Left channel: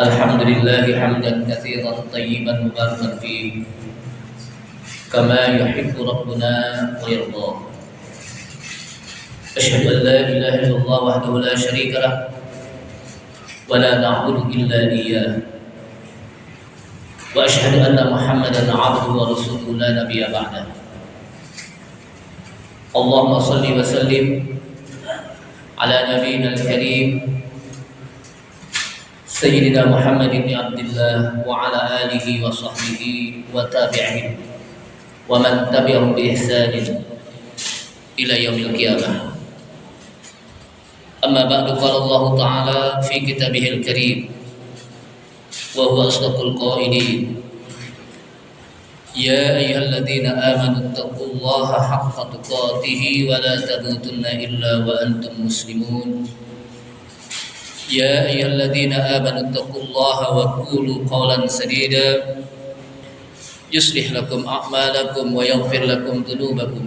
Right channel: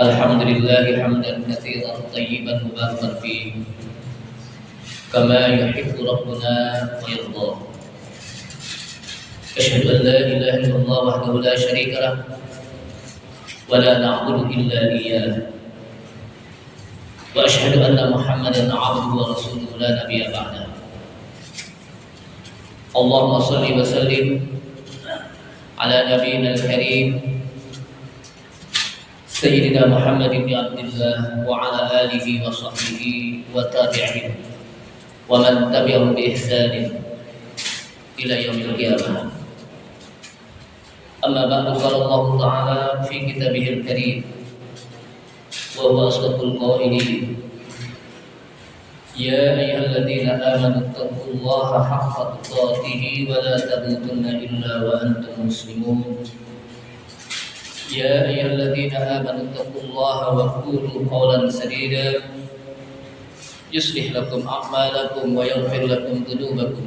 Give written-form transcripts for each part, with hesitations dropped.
الحمد لله حمدا كثيرا طيبا مباركا فيه كما يحب ربنا ويرضى. أشهد أن لا إله إلا الله وحده لا شريك له ولا نعبد إلا إياه، وأشهد أن محمدا عبده ورسوله لا نبي بعده. اللهم صل وسلم على نبينا الكريم سيدنا محمد بن عبد الله وعلى آله وصحبه وتابعين ومن تبعهم بإحسان إلى يوم القيامة. أما بعد، قال الله تعالى في كتابه الكريم وهو أصدق القائلين: يا أيها الذين آمنوا اتقوا الله حق تقاته ولا تموتن إلا وأنتم مسلمون. يا أيها الذين آمنوا اتقوا الله وقولوا قولا سديدا يصلح لكم أعمالكم ويغفر لكم ذنوبكم،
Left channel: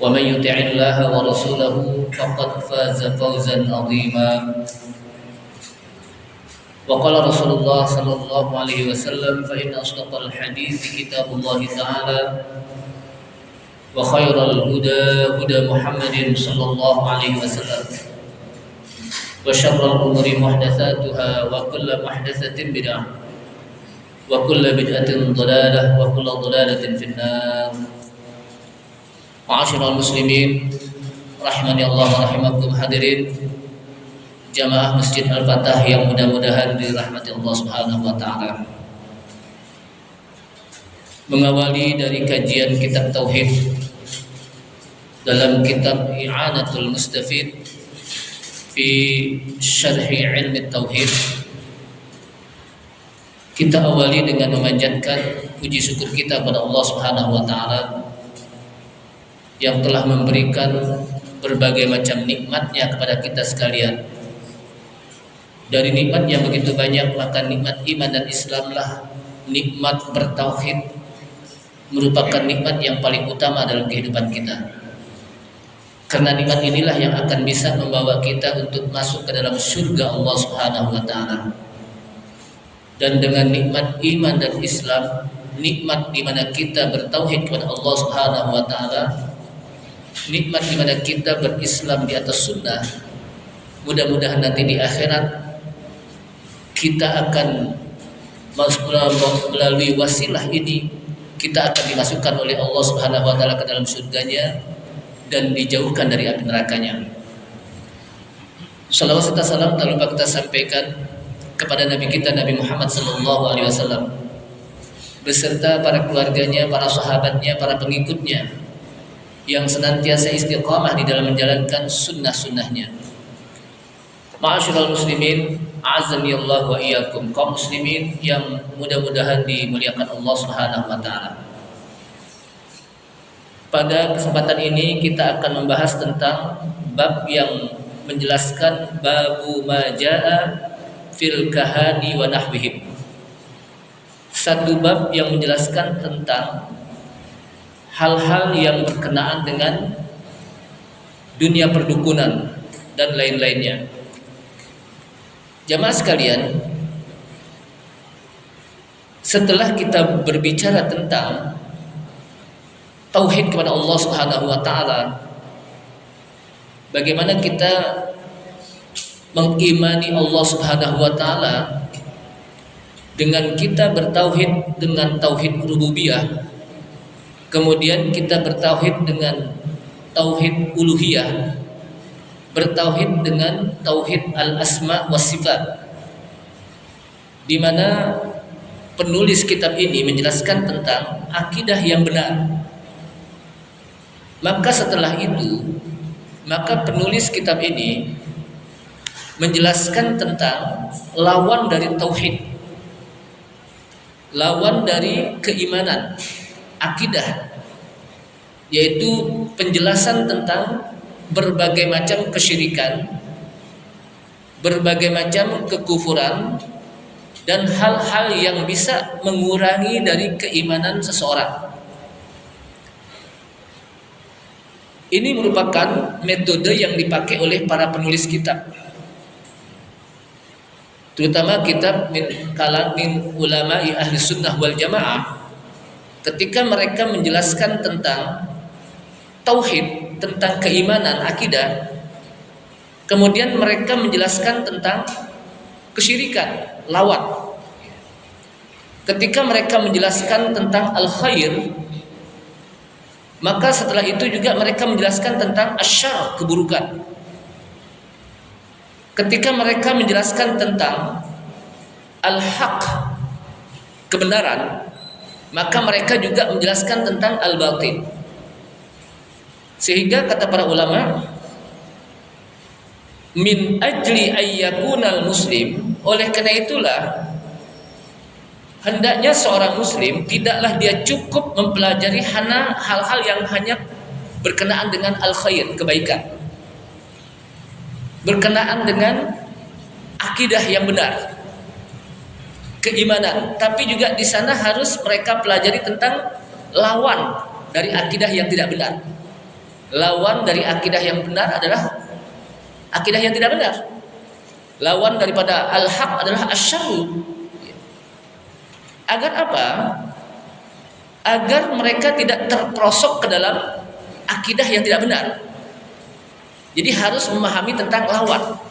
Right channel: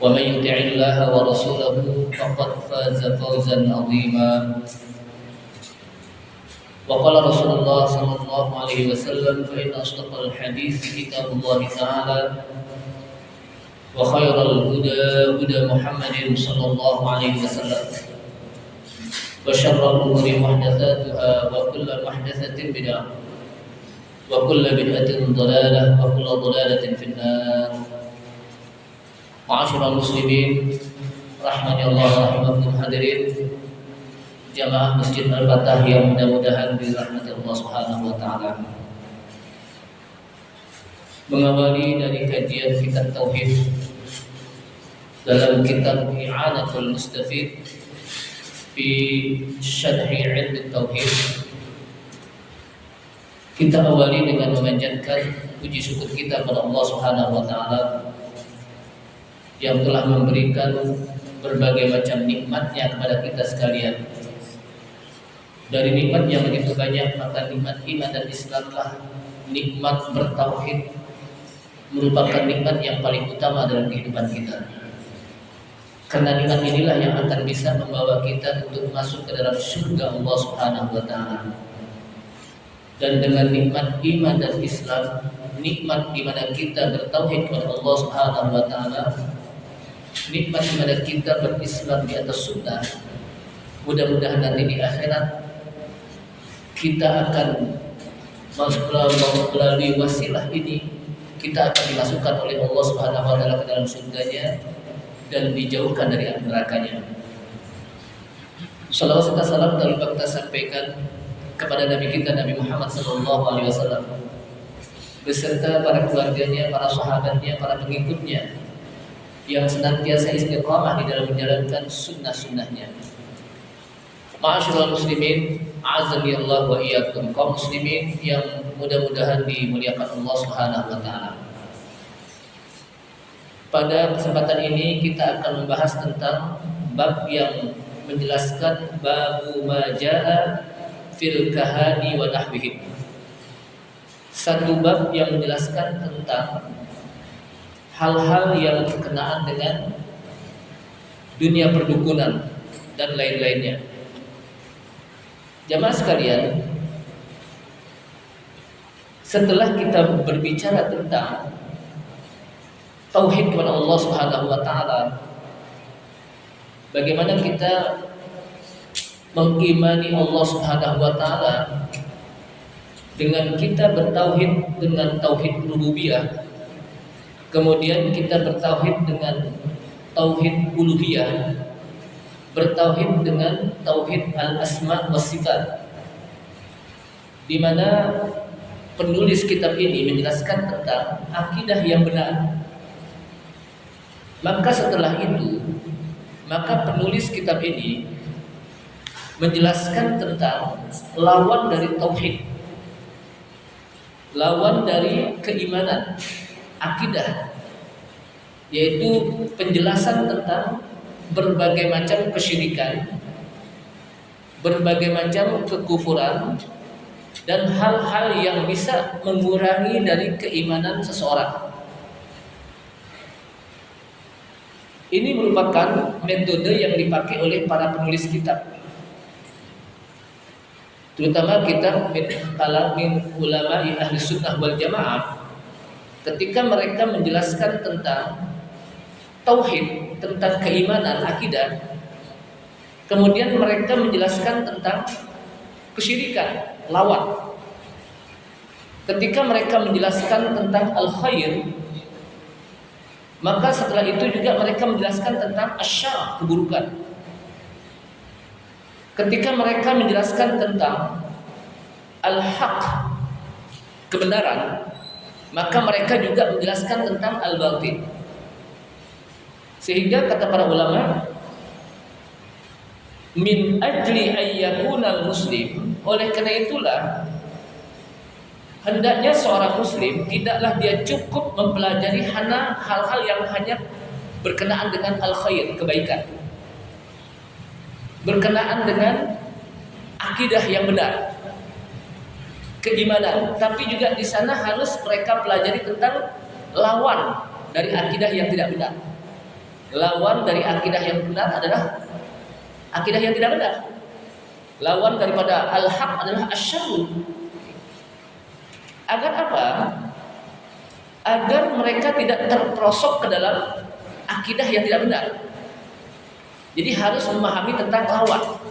ومن يطع الله ورسوله فقد فاز فوزا عظيما. وقال رسول الله صلى الله عليه وسلم: فإن أصدق الحديث كتاب الله تعالى، وخير الهدى هدى محمد صلى الله عليه وسلم، وشر الأمور محدثاتها وكل محدثة بدعة وكل بدعة ضلالة وكل ضلالة في النار. Ma'asyiral muslimin rahmani Allah rahimakum, hadirin jamaah Masjid Al-Fatah yang mudah-mudahan dirahmati Allah Subhanahu wa taala. Mengawali dari kajian kitab tauhid dalam kitab I'anatul Mustafid fi Syarhi Ilmi Tauhid, kita awali dengan memanjatkan puji syukur kita kepada Allah Subhanahu wa taala yang telah memberikan berbagai macam nikmatnya kepada kita sekalian. Dari nikmat yang begitu banyak, maka nikmat iman dan Islamlah, nikmat bertauhid, merupakan nikmat yang paling utama dalam kehidupan kita. Karena nikmat inilah yang akan bisa membawa kita untuk masuk ke dalam surga Allah Subhanahu wa taala. Dan dengan nikmat iman dan Islam, nikmat di mana kita bertauhid kepada Allah Subhanahu wa taala, nikmat di mana kita berislam di atas sunnah, mudah-mudahan nanti di akhirat kita akan melalui wasilah ini kita akan dimasukkan oleh Allah Subhanahu wa taala ke dalam surganya dan dijauhkan dari api nerakanya. Salawat serta salam tak lupa kita sampaikan kepada Nabi kita Nabi Muhammad sallallahu alaihi wasallam beserta para keluarganya, para sahabatnya, para pengikutnya yang senantiasa istiqamah di dalam menjalankan sunnah-sunnahnya. Ma'asyiral muslimin, a'azzani Allah wa iyyakum, kaum muslimin yang mudah-mudahan dimuliakan Allah Subhanahu wa taala. Pada kesempatan ini kita akan membahas tentang bab yang menjelaskan babu ma jaa fil kahani wa nahwihim. Satu bab yang menjelaskan tentang hal-hal yang berkenaan dengan dunia perdukunan dan lain-lainnya. Jamaah sekalian, setelah kita berbicara tentang tauhid kepada Allah Subhanahu wa taala, bagaimana kita mengimani Allah Subhanahu wa taala dengan kita bertauhid dengan tauhid rububiyah, kemudian kita bertauhid dengan tauhid uluhiyah, bertauhid dengan tauhid al-asma wa sifat, di mana penulis kitab ini menjelaskan tentang akidah yang benar. Maka setelah itu, maka penulis kitab ini menjelaskan tentang lawan dari tauhid, lawan dari keimanan, akidah, yaitu penjelasan tentang berbagai macam kesyirikan, berbagai macam kekufuran, dan hal-hal yang bisa mengurangi dari keimanan seseorang. Ini merupakan metode yang dipakai oleh para penulis kitab. terutama kitab min ulama'i ahli sunnah wal jamaah, ketika mereka menjelaskan tentang tauhid, tentang keimanan, akidah, kemudian mereka menjelaskan tentang kesyirikan, lawan. Ketika mereka menjelaskan tentang al-khair, maka setelah itu juga mereka menjelaskan tentang asyar, keburukan. Ketika mereka menjelaskan tentang al-haq, kebenaran, maka mereka juga menjelaskan tentang al-batil. Sehingga kata para ulama, min ajli ayyakunal muslim, oleh karena itulah hendaknya seorang muslim tidaklah dia cukup mempelajari hal-hal yang hanya berkenaan dengan al-khair, kebaikan, berkenaan dengan akidah yang benar, keimanan, tapi juga di sana harus mereka pelajari tentang lawan dari akidah yang tidak benar. Lawan dari akidah yang benar adalah akidah yang tidak benar. Lawan daripada al-haq adalah asyarru. Agar apa? Agar mereka tidak terperosok ke dalam akidah yang tidak benar. Jadi harus memahami tentang lawan.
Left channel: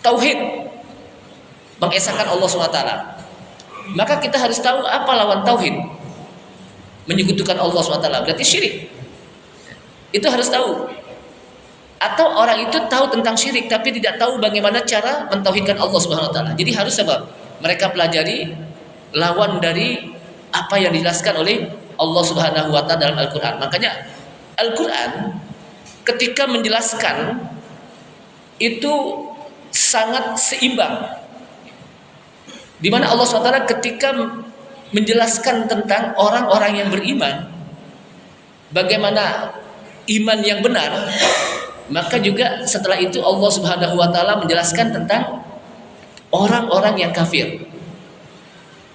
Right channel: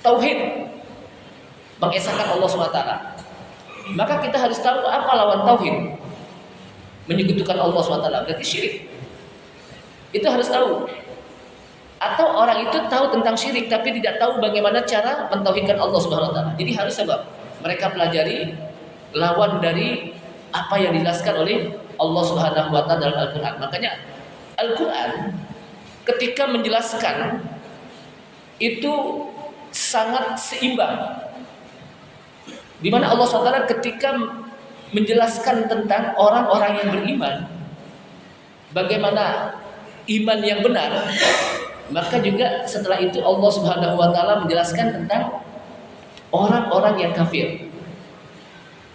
Tauhid, mengesahkan Allah SWT. Maka kita harus tahu apa lawan tauhid. Menyekutukan Allah SWT, berarti syirik. Itu harus tahu. Atau orang itu tahu tentang syirik tapi tidak tahu bagaimana cara mentauhidkan Allah SWT. Jadi harus apa? Mereka pelajari lawan dari apa yang dijelaskan oleh Allah Subhanahu wa taala dalam Al-Qur'an. Makanya Al-Qur'an ketika menjelaskan itu sangat seimbang. Di mana Allah SWT ketika menjelaskan tentang orang-orang yang beriman, bagaimana iman yang benar, maka juga setelah itu Allah Subhanahu wa taala menjelaskan tentang orang-orang yang kafir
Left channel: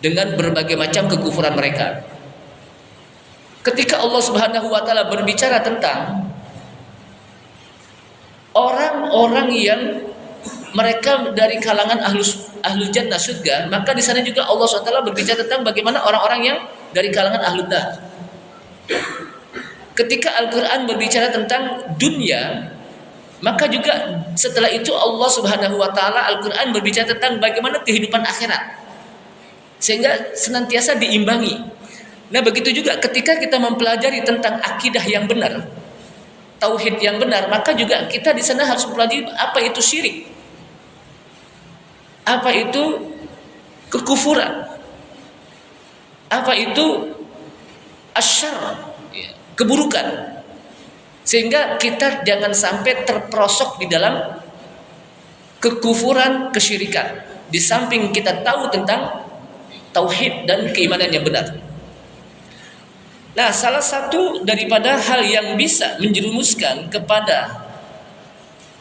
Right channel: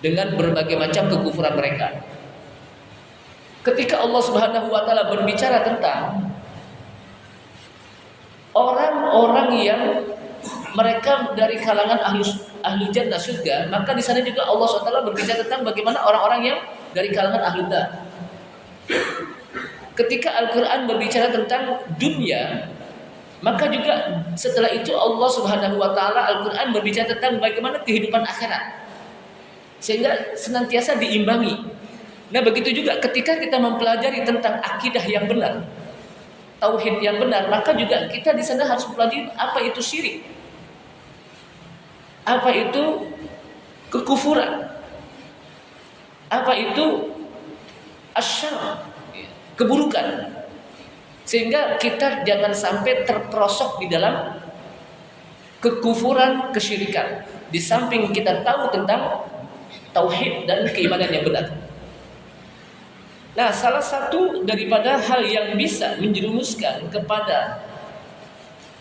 dengan berbagai macam kekufuran mereka. Ketika Allah Subhanahu wa taala berbicara tentang orang-orang yang mereka dari kalangan ahlul jannah, surga, maka di sana juga Allah SWT berbicara tentang bagaimana orang-orang yang dari kalangan ahlul nar. Ketika Al-Quran berbicara tentang dunia, maka juga setelah itu Allah Subhanahu wa taala Al-Quran berbicara tentang bagaimana kehidupan akhirat, sehingga senantiasa diimbangi. Nah begitu juga ketika kita mempelajari tentang akidah yang benar, tauhid yang benar, maka juga kita di sana harus mempelajari apa itu syirik, apa itu kekufuran, apa itu asyar, keburukan, sehingga kita jangan sampai terperosok di dalam kekufuran, kesyirikan. Di samping kita tahu tentang tauhid dan keimanan yang benar. Nah, salah satu daripada hal yang bisa menjerumuskan kepada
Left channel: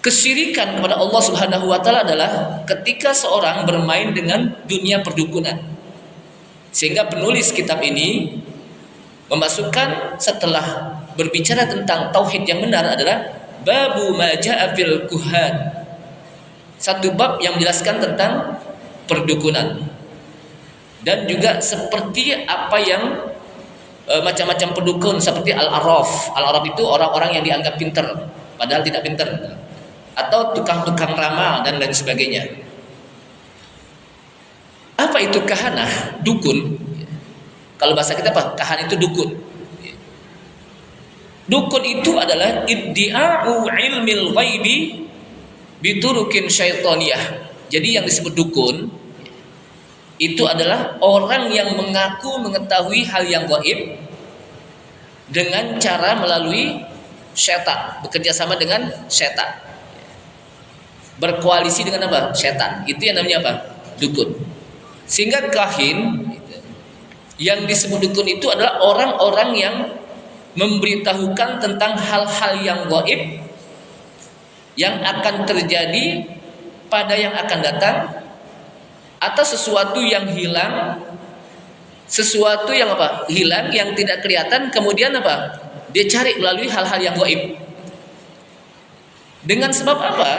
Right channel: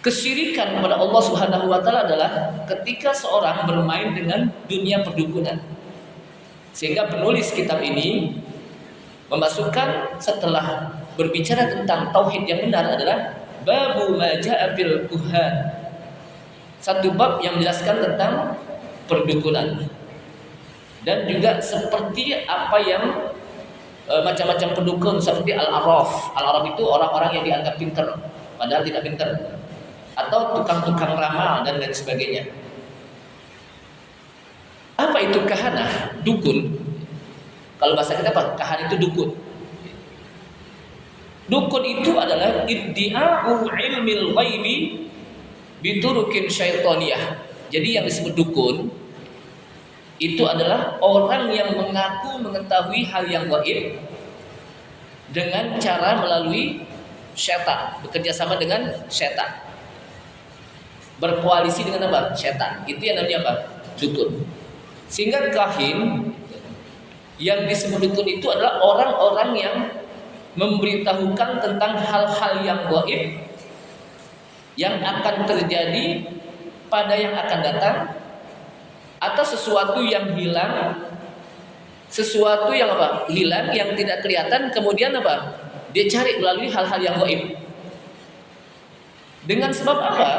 kesyirikan kepada Allah Subhanahu wa taala adalah ketika seorang bermain dengan dunia perdukunan. Sehingga penulis kitab ini memasukkan setelah berbicara tentang tauhid yang benar adalah babu ma jaa fil kuhan. Satu bab yang menjelaskan tentang perdukunan. Dan juga seperti apa yang macam-macam pendukun seperti al-arraf. Al-arraf itu orang-orang yang dianggap pintar padahal tidak pintar, atau tukang-tukang ramal dan lain sebagainya. Apa itu kahanah? Dukun. Kalau bahasa kita apa? Kahan itu dukun. Dukun itu adalah iddi'a'u ilmil ghaibi biturukin syaitaniyah. Jadi yang disebut dukun itu adalah orang yang mengaku mengetahui hal yang gaib dengan cara melalui syaitan, bekerja sama dengan syaitan, berkoalisi dengan apa? Syaitan. Itu yang namanya apa? Dukun. Sehingga kahin yang disebut dukun itu adalah orang-orang yang memberitahukan tentang hal-hal yang gaib yang akan terjadi pada yang akan datang, atau sesuatu yang hilang, sesuatu yang apa? Hilang, yang tidak kelihatan, kemudian apa? Dia cari melalui hal-hal yang gaib. Dengan sebab apa?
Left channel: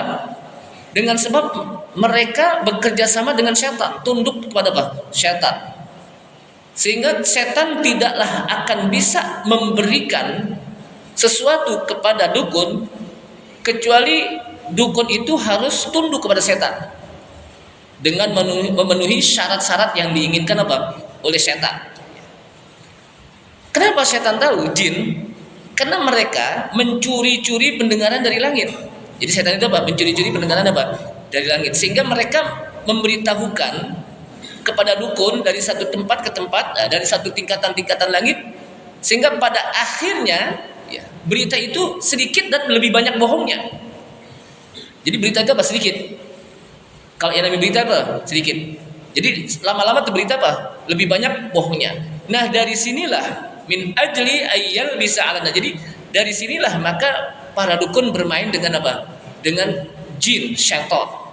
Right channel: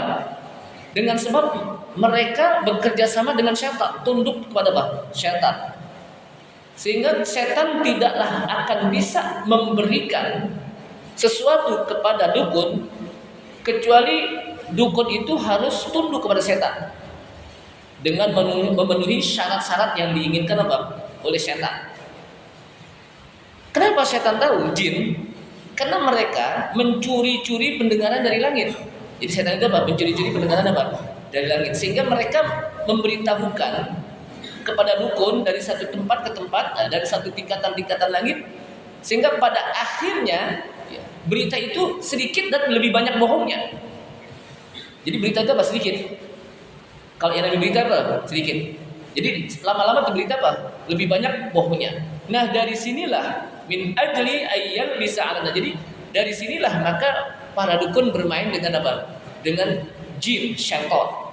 Dengan sebab mereka bekerja sama dengan syaitan, tunduk kepada apa? Syaitan. Sehingga setan tidaklah akan bisa memberikan sesuatu kepada dukun kecuali dukun itu harus tunduk kepada setan dengan memenuhi syarat-syarat yang diinginkan apa? Oleh setan. Kenapa setan tahu jin? Karena mereka mencuri-curi pendengaran dari langit. Jadi setan itu apa? Mencuri-curi pendengaran apa? Dari langit. Sehingga mereka memberitahukan kepada dukun dari satu tempat ke tempat, dari satu tingkatan-tingkatan langit, sehingga pada akhirnya ya, berita itu sedikit dan lebih banyak bohongnya. Jadi berita itu apa? Sedikit. Kalau yang namanya berita apa? Sedikit. Jadi lama-lama berita apa? Lebih banyak bohongnya. Nah dari sinilah min ajli ayyal bisa alana. Jadi dari sinilah maka para dukun bermain dengan apa? Dengan jin, syaitan.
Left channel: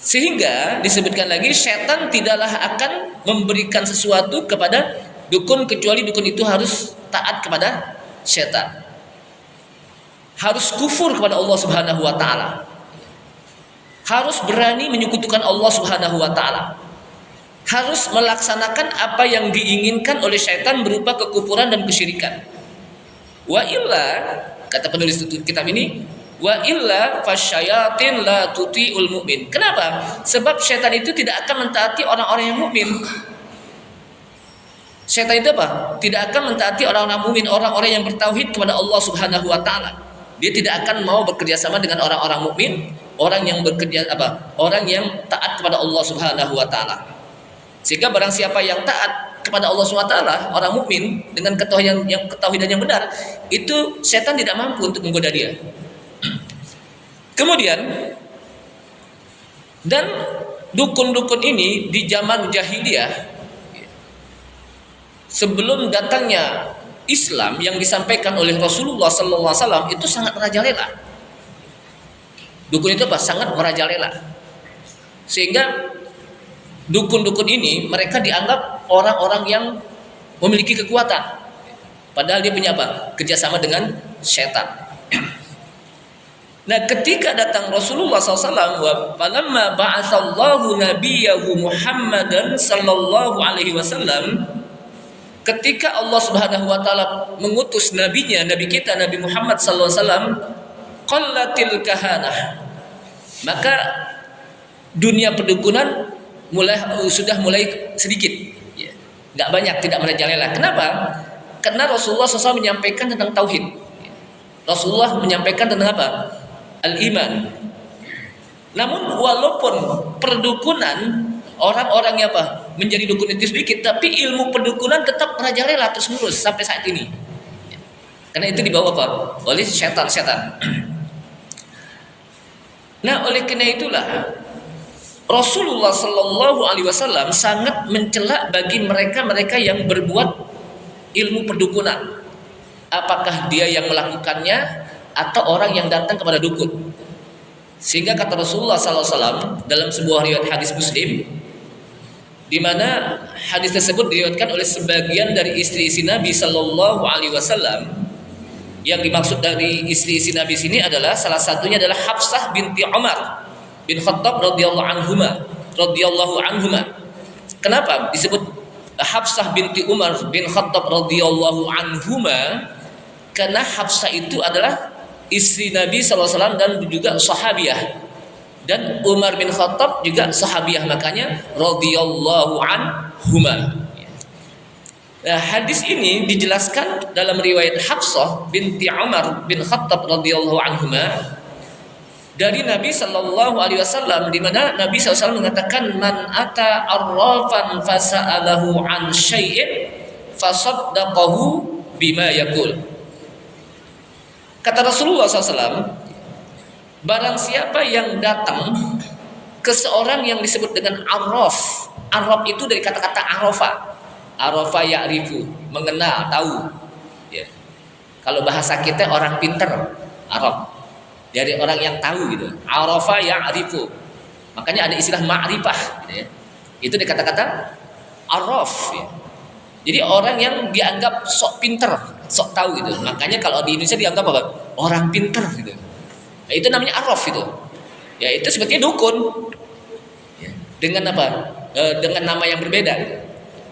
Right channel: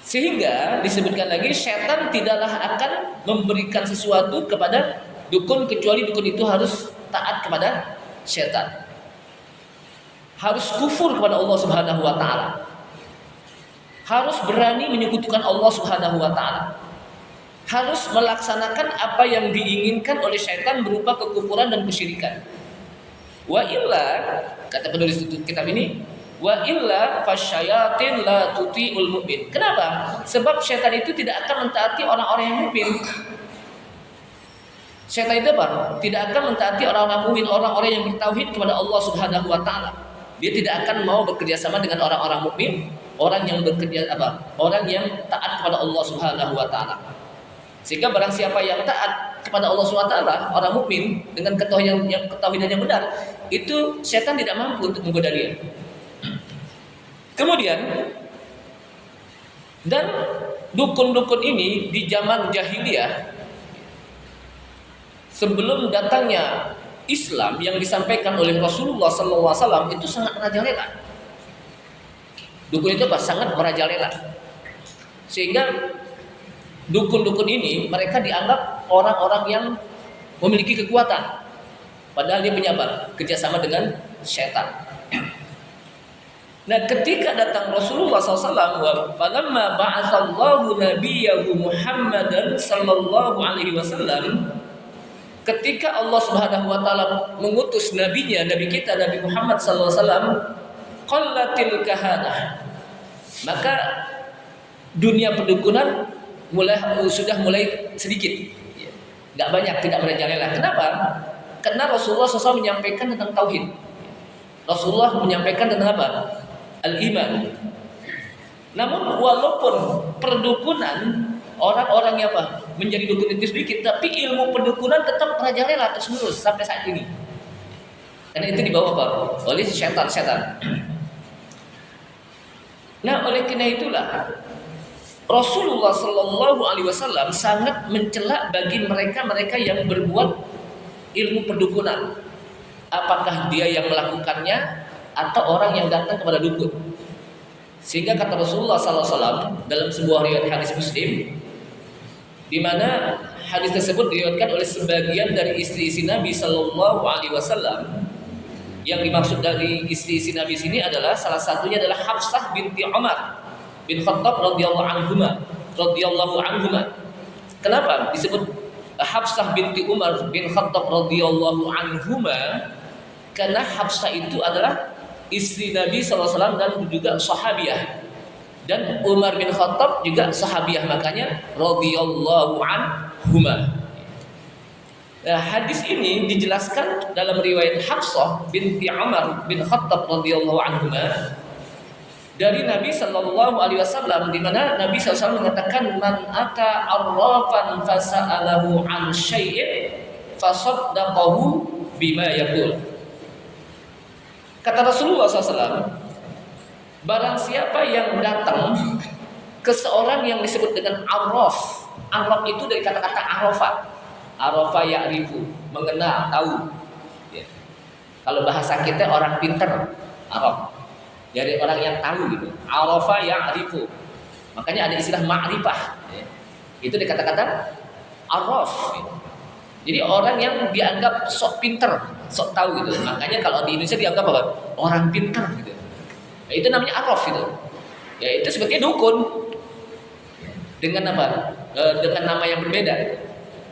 Sehingga disebutkan lagi syaitan tidaklah akan memberikan sesuatu kepada dukun kecuali dukun itu harus taat kepada syaitan. Harus kufur kepada Allah Subhanahu wa taala. Harus berani menyekutukan Allah Subhanahu wa taala. Harus melaksanakan apa yang diinginkan oleh syaitan berupa kekufuran dan kesyirikan. Wa illa, kata penulis kitab ini, wa illa fasyayatin la tuti'ul mu'min. Kenapa? Sebab syaitan itu tidak akan mentaati orang-orang yang mukmin. Syaitan itu apa? Tidak akan mentaati orang-orang mukmin, orang-orang yang bertauhid kepada Allah Subhanahu wa taala. Dia tidak akan mau bekerja sama dengan orang-orang mukmin, orang yang bekerja apa? Orang yang taat kepada Allah Subhanahu wa taala. Sehingga barang siapa yang taat kepada Allah Subhanahu wa taala, orang mukmin dengan ketahuidan yang benar, itu syaitan tidak mampu untuk menggoda dia. Kemudian dan dukun-dukun ini di zaman jahiliyah sebelum datangnya Islam yang disampaikan oleh Rasulullah SAW itu sangat merajalela. Dukun itu apa? Sangat merajalela. Sehingga dukun-dukun ini mereka dianggap orang-orang yang memiliki kekuatan. Padahal dia punya apa? Kerjasama dengan syaitan. Nah, ketika datang Rasulullah SAW, wa falamma ba'atsallahu nabiyahu Muhammadan sallallahu alaihi wasallam, ketika Allah Subhanahu wa taala mengutus nabinya, nabi kita Nabi Muhammad sallallahu alaihi wasallam, qallatil kahanah. Maka dunia perdukunan sudah mulai sedikit. Enggak banyak, tidak merajalela. Kenapa? Karena Rasulullah SAW menyampaikan tentang tauhid. Rasulullah menyampaikan tentang apa? Al-iman. Namun walaupun perdukunan orang-orang yang apa menjadi dukun itu sedikit, tapi ilmu perdukunan tetap merajalela terus-menerus sampai saat ini. Karena itu dibawa apa? Oleh syaitan. Nah, oleh karena itulah Rasulullah Sallallahu Alaihi Wasallam sangat mencela bagi mereka yang berbuat ilmu perdukunan. Apakah dia yang melakukannya atau orang yang datang kepada dukun? Sehingga kata Rasulullah SAW dalam sebuah riwayat hadis Muslim, di mana hadis tersebut diriwayatkan oleh sebagian dari istri-istri Nabi Sallallahu Alaihi Wasallam. Yang dimaksud dari istri-istri Nabi sini adalah salah satunya adalah Hafsah binti Umar bin Khattab radhiyallahu anhuma. Kenapa disebut Hafsah binti Umar bin Khattab radhiyallahu anhuma? Karena Hafsah itu adalah istri Nabi SAW dan juga sahabiah, dan Umar bin Khattab juga sahabiah, makanya radhiyallahu anhuma. Nah, hadis ini dijelaskan dalam riwayat Hafsah binti Umar bin Khattab radhiyallahu anhuma dari Nabi sallallahu alaihi wasallam, di mana Nabi SAW mengatakan, man ata arrafan fasa'alahu an syai'in fasaddaqahu bima yaqul. Kata Rasulullah SAW, barang siapa yang datang ke seorang yang disebut dengan arraf. Arraf itu dari kata-kata arafa ya'rifu, mengenal, tahu ya. Kalau bahasa kita orang pinter, araf, dari orang yang tahu gitu. Arafa ya'rifu, makanya ada istilah ma'rifah ya. Itu dari kata-kata araf ya. Jadi orang yang dianggap sok pinter, sok tahu gitu. Makanya kalau di Indonesia dianggap apa? Orang pinter gitu. Nah, itu namanya araf itu. Ya itu sebetulnya dukun. Dengan apa? Dengan nama yang berbeda.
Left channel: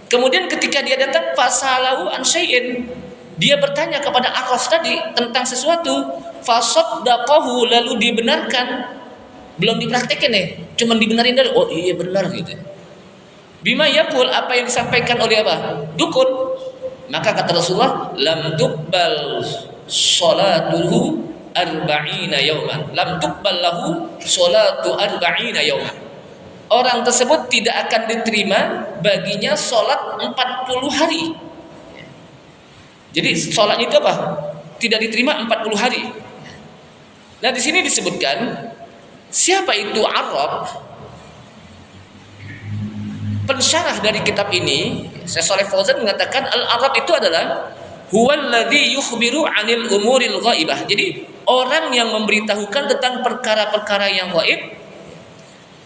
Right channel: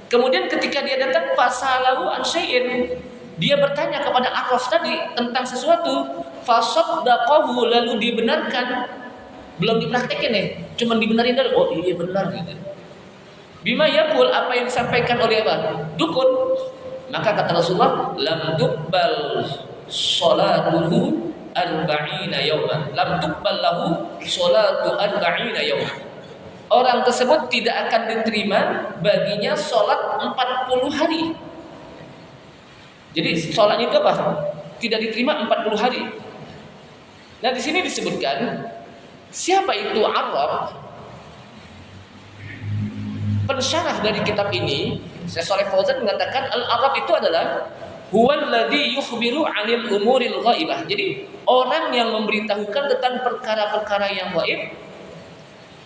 Kemudian ketika dia datang fasalahu an syai'in, dia bertanya kepada arraf tadi tentang sesuatu, fasaddaqahu, lalu dibenarkan. Belum dipraktekin nih, cuma dibenarin dulu. Oh iya benar gitu. Bima yaqul, apa yang disampaikan oleh apa? Dukun. Maka kata Rasulullah, lam tuqbal salatuhu arba'ina yauman. Lam tuqbal lahu salatu arba'ina yauman. Orang tersebut tidak akan diterima baginya sholat 40 hari. Jadi sholat itu apa? Tidak diterima 40 hari. Nah di sini disebutkan siapa itu Arab? Pensyarah dari kitab ini, Syekh Shalih Fauzan mengatakan al-Arab itu adalah huwallazi yukhbiru 'anil umuril ghaibah. Jadi orang yang memberitahukan tentang perkara-perkara yang gaib,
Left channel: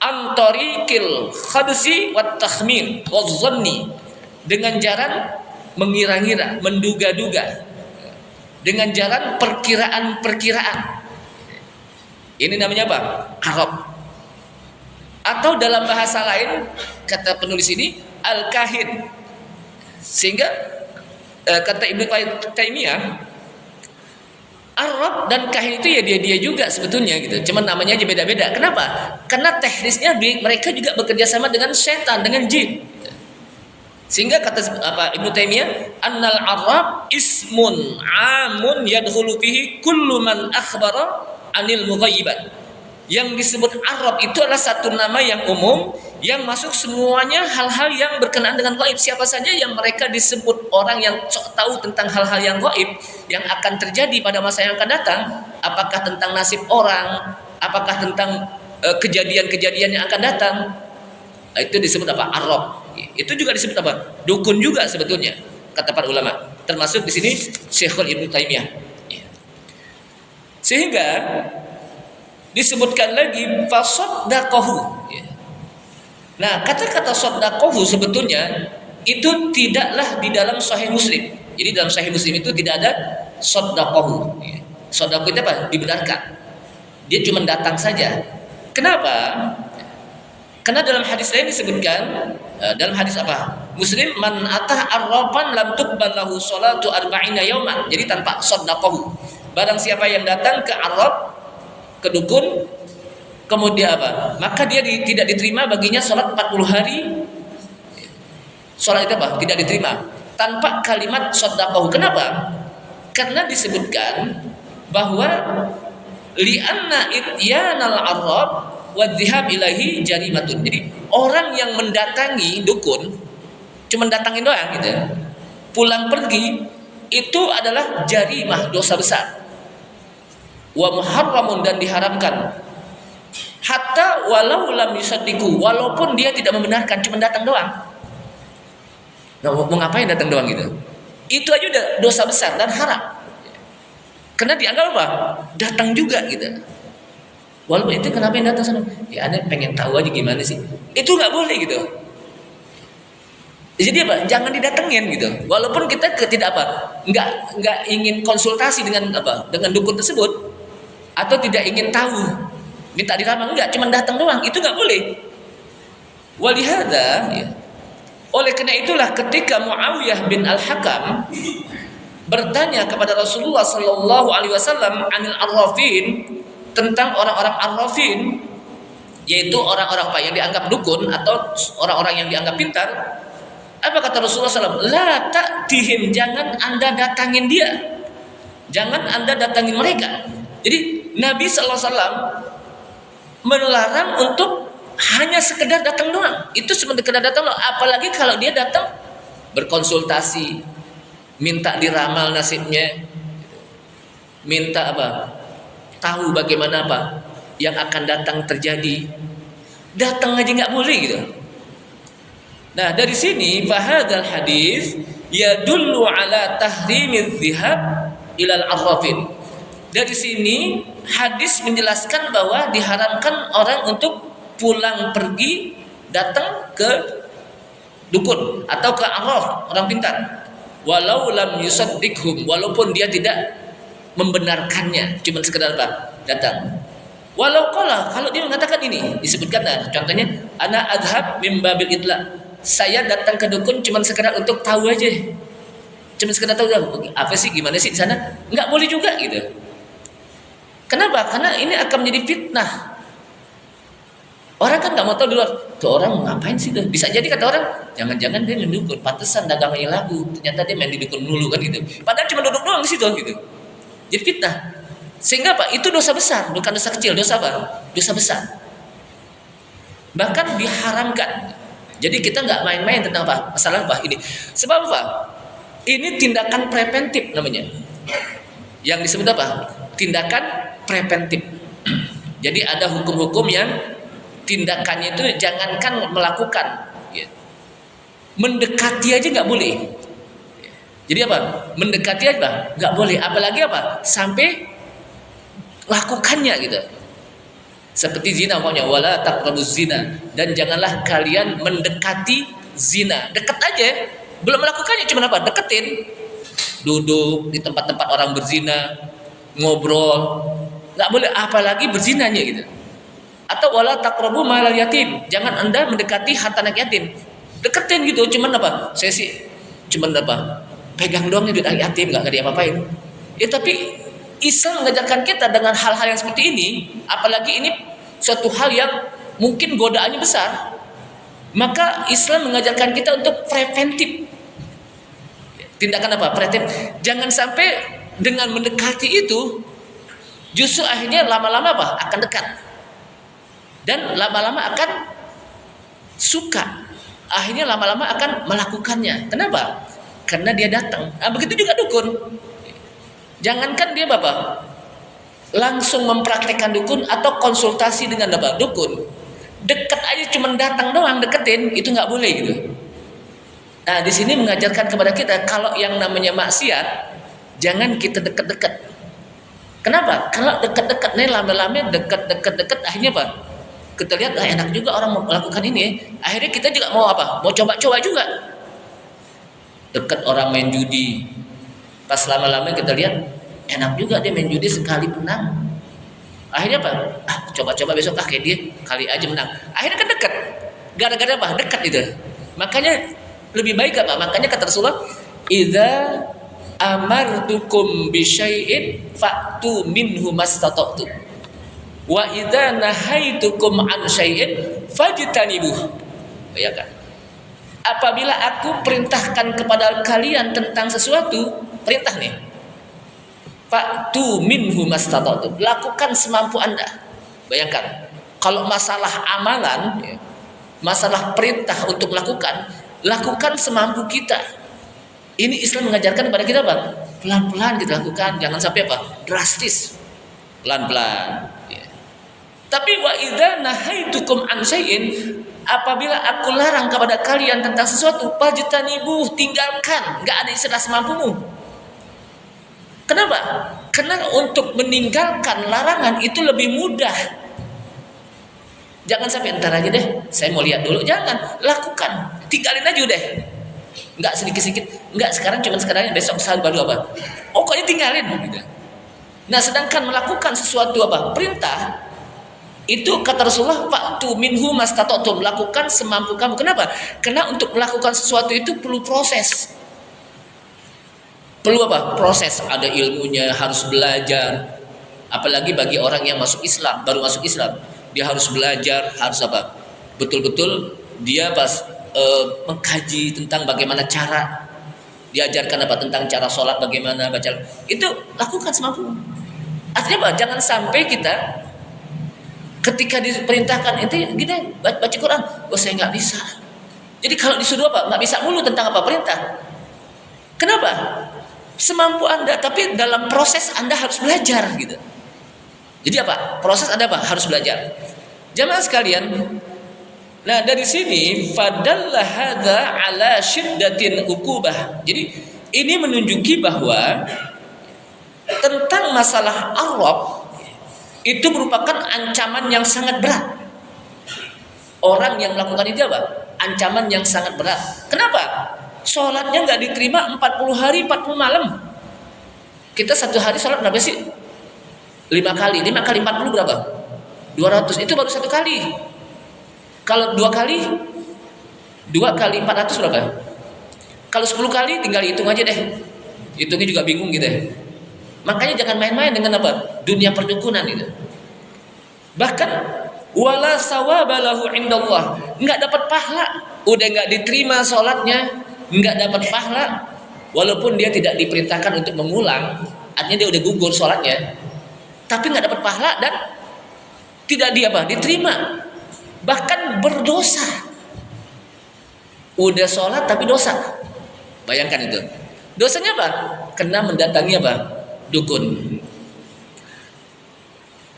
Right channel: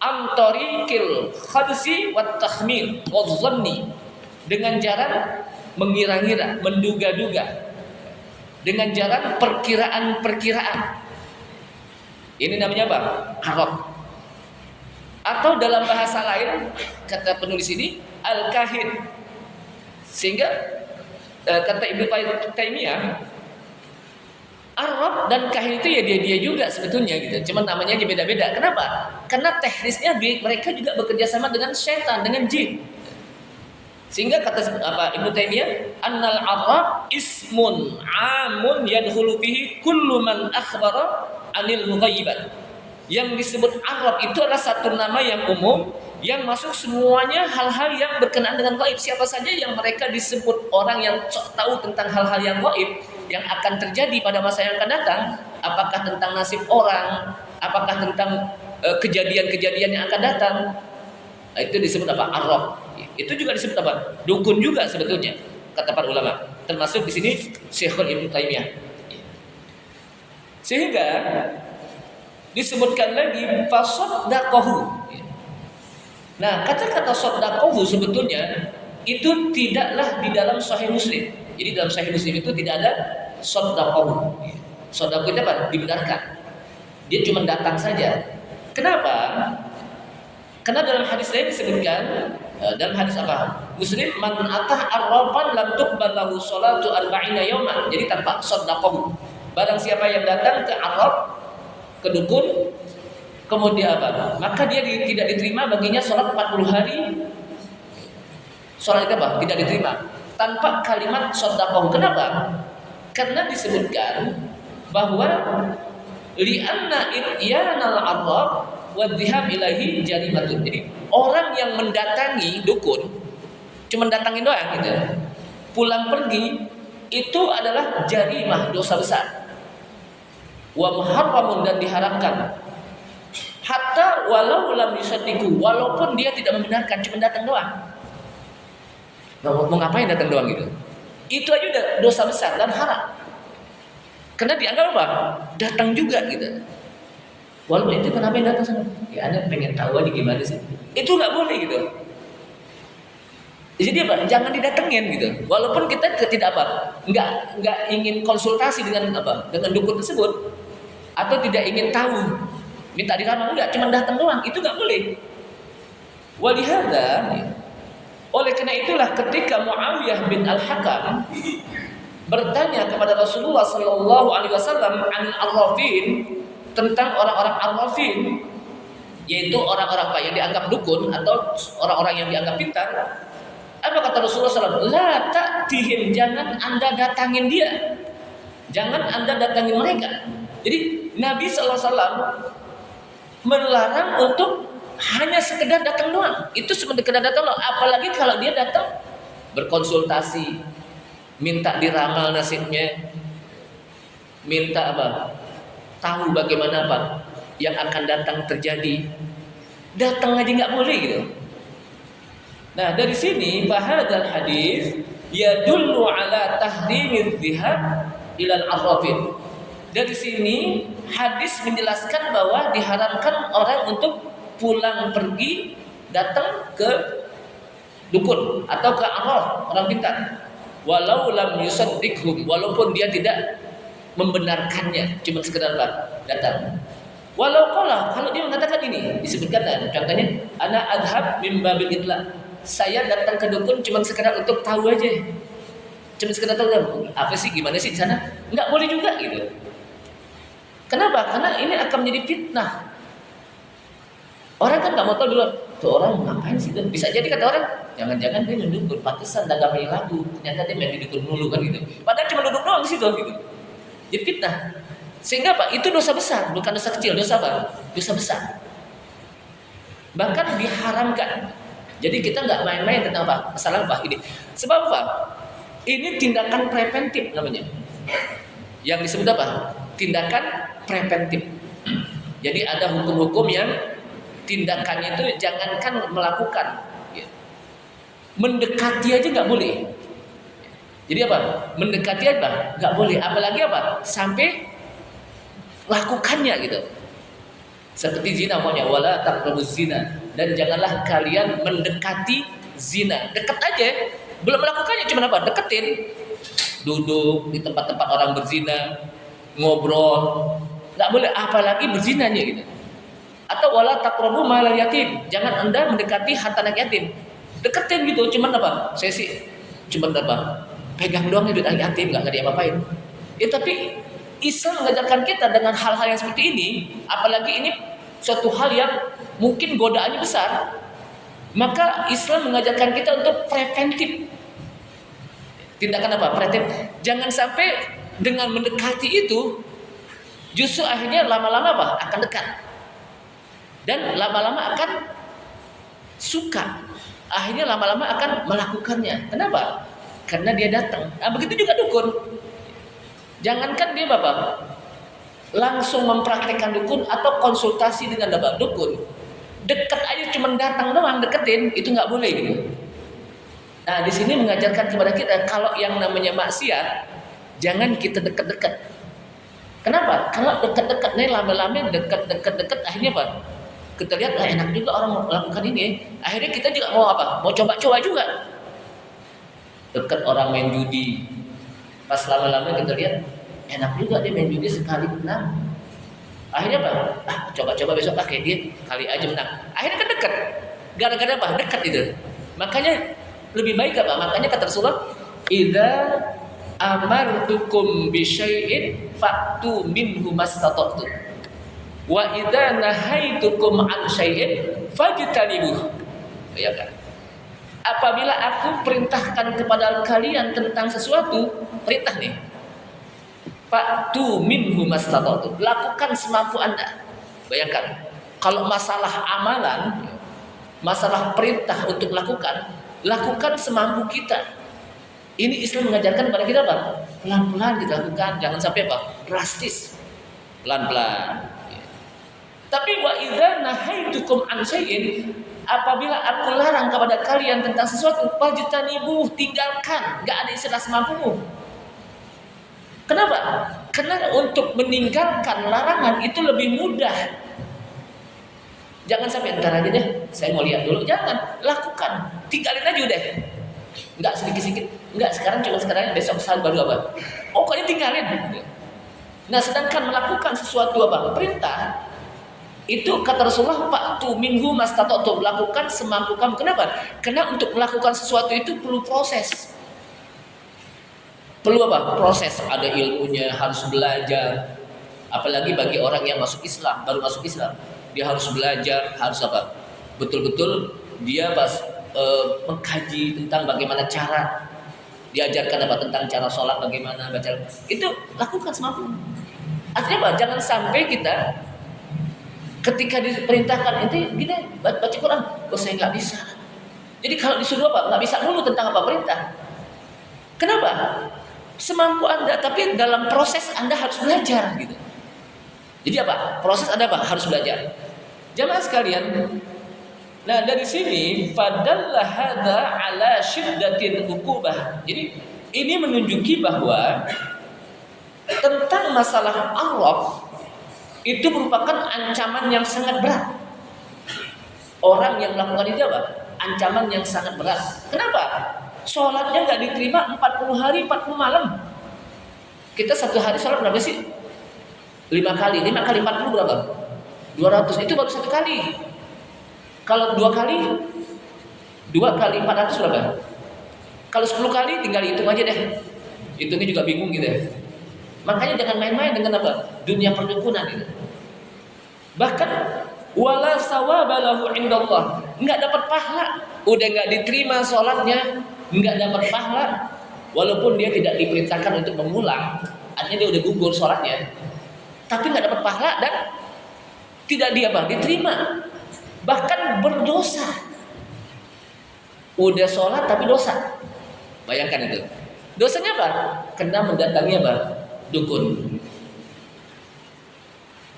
antarikil khabsi wat takhmin waz-zanni, dengan jalan mengira-ngira, menduga-duga, dengan jalan perkiraan-perkiraan. Ini namanya apa? Arab. Atau dalam bahasa lain kata penulis ini al-kahin. Sehingga kata Ibnu Taimiyah, Arab dan kahin itu ya dia juga sebetulnya gitu. Cuman namanya aja beda-beda. Kenapa? Karena teknisnya mereka juga bekerja sama dengan setan, dengan jin. Sehingga kata Ibnu Taimiyah, annal Arab ismun amun yadkhulu fihi kullu man akhbara anil mughayyibat. Yang disebut Arab itu adalah satu nama yang umum yang masuk semuanya hal-hal yang berkenaan dengan gaib. Siapa saja yang mereka disebut orang yang tahu tentang hal-hal yang gaib yang akan terjadi pada masa yang akan datang, apakah tentang nasib orang, apakah tentang kejadian-kejadian yang akan datang, nah, itu disebut apa? Arab. Itu juga disebut apa? Dukun juga sebetulnya kata para ulama. Termasuk di sini Syekhul Ibnu Taimiyah. Sehingga disebutkan lagi fasaddaqahu. Nah, kata-kata saddaqahu sebetulnya itu tidaklah di dalam Sahih Muslim. Jadi dalam Sahih Muslim itu tidak ada saddaqahu. Saddaqahu itu apa? Dibenarkan. Dia cuma datang saja. Kenapa? Karena dalam hadis lain disebutkan, dalam hadis apa? Muslim, man atah arrafan lam tuqbal lahu sholatu arba'ina yauman. Jadi tanpa saddaqahu. Barang siapa yang datang ke Arab, ke dukun, kemudian apa? Maka dia tidak diterima baginya sholat 40 hari. Sholat itu apa? Tidak diterima tanpa kalimat saddaqahu. Kenapa? Karena disebutkan bahwa li'anna ityanal Arab wa dhihab ilahi jarimatun. Jadi orang yang mendatangi dukun cuma datangin doang gitu, pulang pergi, itu adalah jarimah, dosa besar. Wa muharramun, dan diharamkan. Hatta walau lam yusaddiqu, walaupun dia tidak membenarkan, cuma datang doang. Nah, mau ngapain datang doang gitu? Itu aja udah dosa besar dan haram. Karena dianggap apa? Datang juga gitu. Walaupun itu kenapa yang datang sana? Ya Anda pengen tahu aja gimana sih. Itu nggak boleh gitu. Jadi apa? Jangan didatengin gitu. Walaupun kita tidak apa? Nggak ingin konsultasi dengan apa? Dengan dukun tersebut, atau tidak ingin tahu, minta diramal, enggak, cuma datang doang. Itu nggak boleh. Walihada, ya. Oleh karena itulah ketika Muawiyah bin Al-Hakam bertanya kepada Rasulullah Sallallahu Alaihi Wasallam anil arrafin, tentang orang-orang arrafin, yaitu orang-orang apa yang dianggap dukun atau orang-orang yang dianggap pintar. Apa kata Rasulullah SAW? La ta'tihim, jangan anda datangin dia, jangan anda datangin mereka. Jadi Nabi SAW melarang untuk hanya sekedar datang doang. Itu sekedar datang doang. Apalagi kalau dia datang berkonsultasi, minta diramal nasibnya, minta apa? Tahu bagaimana apa yang akan datang terjadi. Datang aja nggak boleh gitu. Nah dari sini fahadal hadis yadullu ala tahrimidz dzihab ilal arrafin. Dari sini hadis menjelaskan bahwa diharamkan orang untuk pulang pergi datang ke dukun atau ke arraf, orang pintar. Walau lam yusaddiqhum, walaupun dia tidak membenarkannya, cuma sekedar apa? Datang. Walau kalau dia mengatakan ini, disebutkan contohnya, ana adhab min babil idla. Saya datang ke dukun cuma sekedar untuk tahu aja. Cuma sekedar tahu apa sih, gimana sih di sana? Enggak boleh juga gitu. Kenapa? Karena ini akan menjadi fitnah. Orang kan nggak mau tahu dulu, tuh orang ngapain sih tuh? Bisa jadi kata orang, jangan-jangan dia mendukun, pantesan dagangnya lagu. Ternyata dia main di dukun dulu kan gitu. Padahal cuma duduk doang di situ gitu. Jadi fitnah. Sehingga apa? Itu dosa besar, bukan dosa kecil, dosa apa? Dosa besar. Bahkan diharamkan. Jadi kita nggak main-main tentang apa? Masalah apa ini? Sebab apa? Ini tindakan preventif namanya. Yang disebut apa? Tindakan preventif. Jadi ada hukum-hukum yang tindakannya itu jangankan melakukan, mendekati aja nggak boleh. Jadi apa? Mendekati aja nggak boleh. Apalagi apa? Sampai lakukannya gitu. Seperti zina umpamanya, wala taqrabuz zina, dan janganlah kalian mendekati zina. Dekat aja, belum melakukannya, cuma apa? Deketin. Duduk di tempat-tempat orang berzina, ngobrol, nggak boleh, apalagi berzinanya gitu. Atau wala taqrabu malal yatim, jangan Anda mendekati harta anak yatim. Deketin gitu, cuman apa? Saya sih cuman apa? Pegang doang duit anak yatim, nggak diapa-apain. Tapi Islam mengajarkan kita dengan hal-hal yang seperti ini, apalagi ini suatu hal yang mungkin godaannya besar. Maka Islam mengajarkan kita untuk preventif. Tindakan apa? Preventif. Jangan sampai dengan mendekati itu justru akhirnya lama-lama apa? Akan dekat. Dan lama-lama akan suka. Akhirnya lama-lama akan melakukannya. Kenapa? Karena dia datang. Nah, begitu juga dukun. Jangankan dia bapak langsung mempraktekkan dukun atau konsultasi dengan bapak dukun, dekat aja cuma datang doang deketin, itu nggak boleh gitu. Nah di sini mengajarkan kepada kita kalau yang namanya maksiat jangan kita dekat-dekat. Kenapa? Kalau dekat-dekat nih lama-lama dekat akhirnya apa? Kita lihat enak juga orang melakukan ini, akhirnya kita juga mau apa? Mau coba-coba juga. Dekat orang main judi. Pas lama-lama kita lihat enak juga dia main judi, sekali menang. Akhirnya apa? Coba-coba besok kayak dia, kali aja menang. Akhirnya kan dekat. Gara-gara apa? Dekat itu. Makanya lebih baik apa? Makanya kata Rasulullah, "Idza amartukum bi syai'in fa'tu minhu mastata'tum. Wa idza nahaitukum an syai'in fajtanibuh." Ya kan? Apabila aku perintahkan kepada kalian tentang sesuatu, perintah nih, fa'tu minhu mastata'tum, lakukan semampu Anda. Bayangkan, kalau masalah amalan, masalah perintah untuk lakukan semampu kita. Ini Islam mengajarkan kepada kita apa? Pelan-pelan kita lakukan, jangan sampai apa? Drastis. Pelan-pelan. Tapi wa idza nahaitukum an syai'in, apabila aku larang kepada kalian tentang sesuatu, fajtanibuh, tinggalkan, enggak ada istilah semampumu. Kenapa? Karena untuk meninggalkan larangan itu lebih mudah. Jangan sampai ntar aja deh, saya mau lihat dulu, jangan, lakukan, tinggalin aja udah. Enggak sedikit-sedikit, enggak sekarang cuma sekarang, besok baru apa? Pokoknya tinggalin gitu. Nah, sedangkan melakukan sesuatu apa? Perintah itu kata Rasulullah, fa'tu minhu mastata'tum, lakukan semampu kamu. Kenapa? Karena untuk melakukan sesuatu itu perlu proses. Perlu apa? Proses, ada ilmunya, harus belajar. Apalagi bagi orang yang masuk Islam, baru masuk Islam, dia harus belajar, harus apa? Betul-betul dia pas mengkaji tentang bagaimana cara, diajarkan apa tentang cara sholat, bagaimana baca. Itu lakukan semampu. Artinya apa? Jangan sampai kita ketika diperintahkan itu gini, baca Quran, saya nggak bisa. Jadi kalau disuruh apa? Nggak bisa mulu tentang apa perintah. Kenapa? Semampu Anda, tapi dalam proses Anda harus belajar gitu. Jadi apa? Proses Anda apa? Harus belajar. Jamaah sekalian, nah dari sini fadalla hadza ala syiddatin uqubah. Jadi ini menunjuki bahwa tentang masalah Arab itu merupakan ancaman yang sangat berat. Orang yang melakukan itu apa? Ancaman yang sangat berat. Kenapa? Sholatnya nggak diterima 40 hari 40 malam. Kita satu hari sholat berapa sih? 5 kali 40 berapa? 200 itu baru 1 kali. Kalau 2 kali 400 berapa? Kalau 10 kali tinggal hitung aja deh. Hitungnya juga bingung gitu ya. Makanya jangan main-main dengan apa? Dunia perdukunan itu. Bahkan wala sawabalahu indallah, enggak dapat pahala. Udah enggak diterima sholatnya, enggak dapat pahala. Walaupun dia tidak diperintahkan untuk mengulang, artinya dia udah gugur sholatnya, tapi enggak dapat pahala dan tidak diterima. Bahkan berdosa. Udah sholat tapi dosa. Bayangkan itu. Dosanya apa? Kena mendatangi apa? Dukun.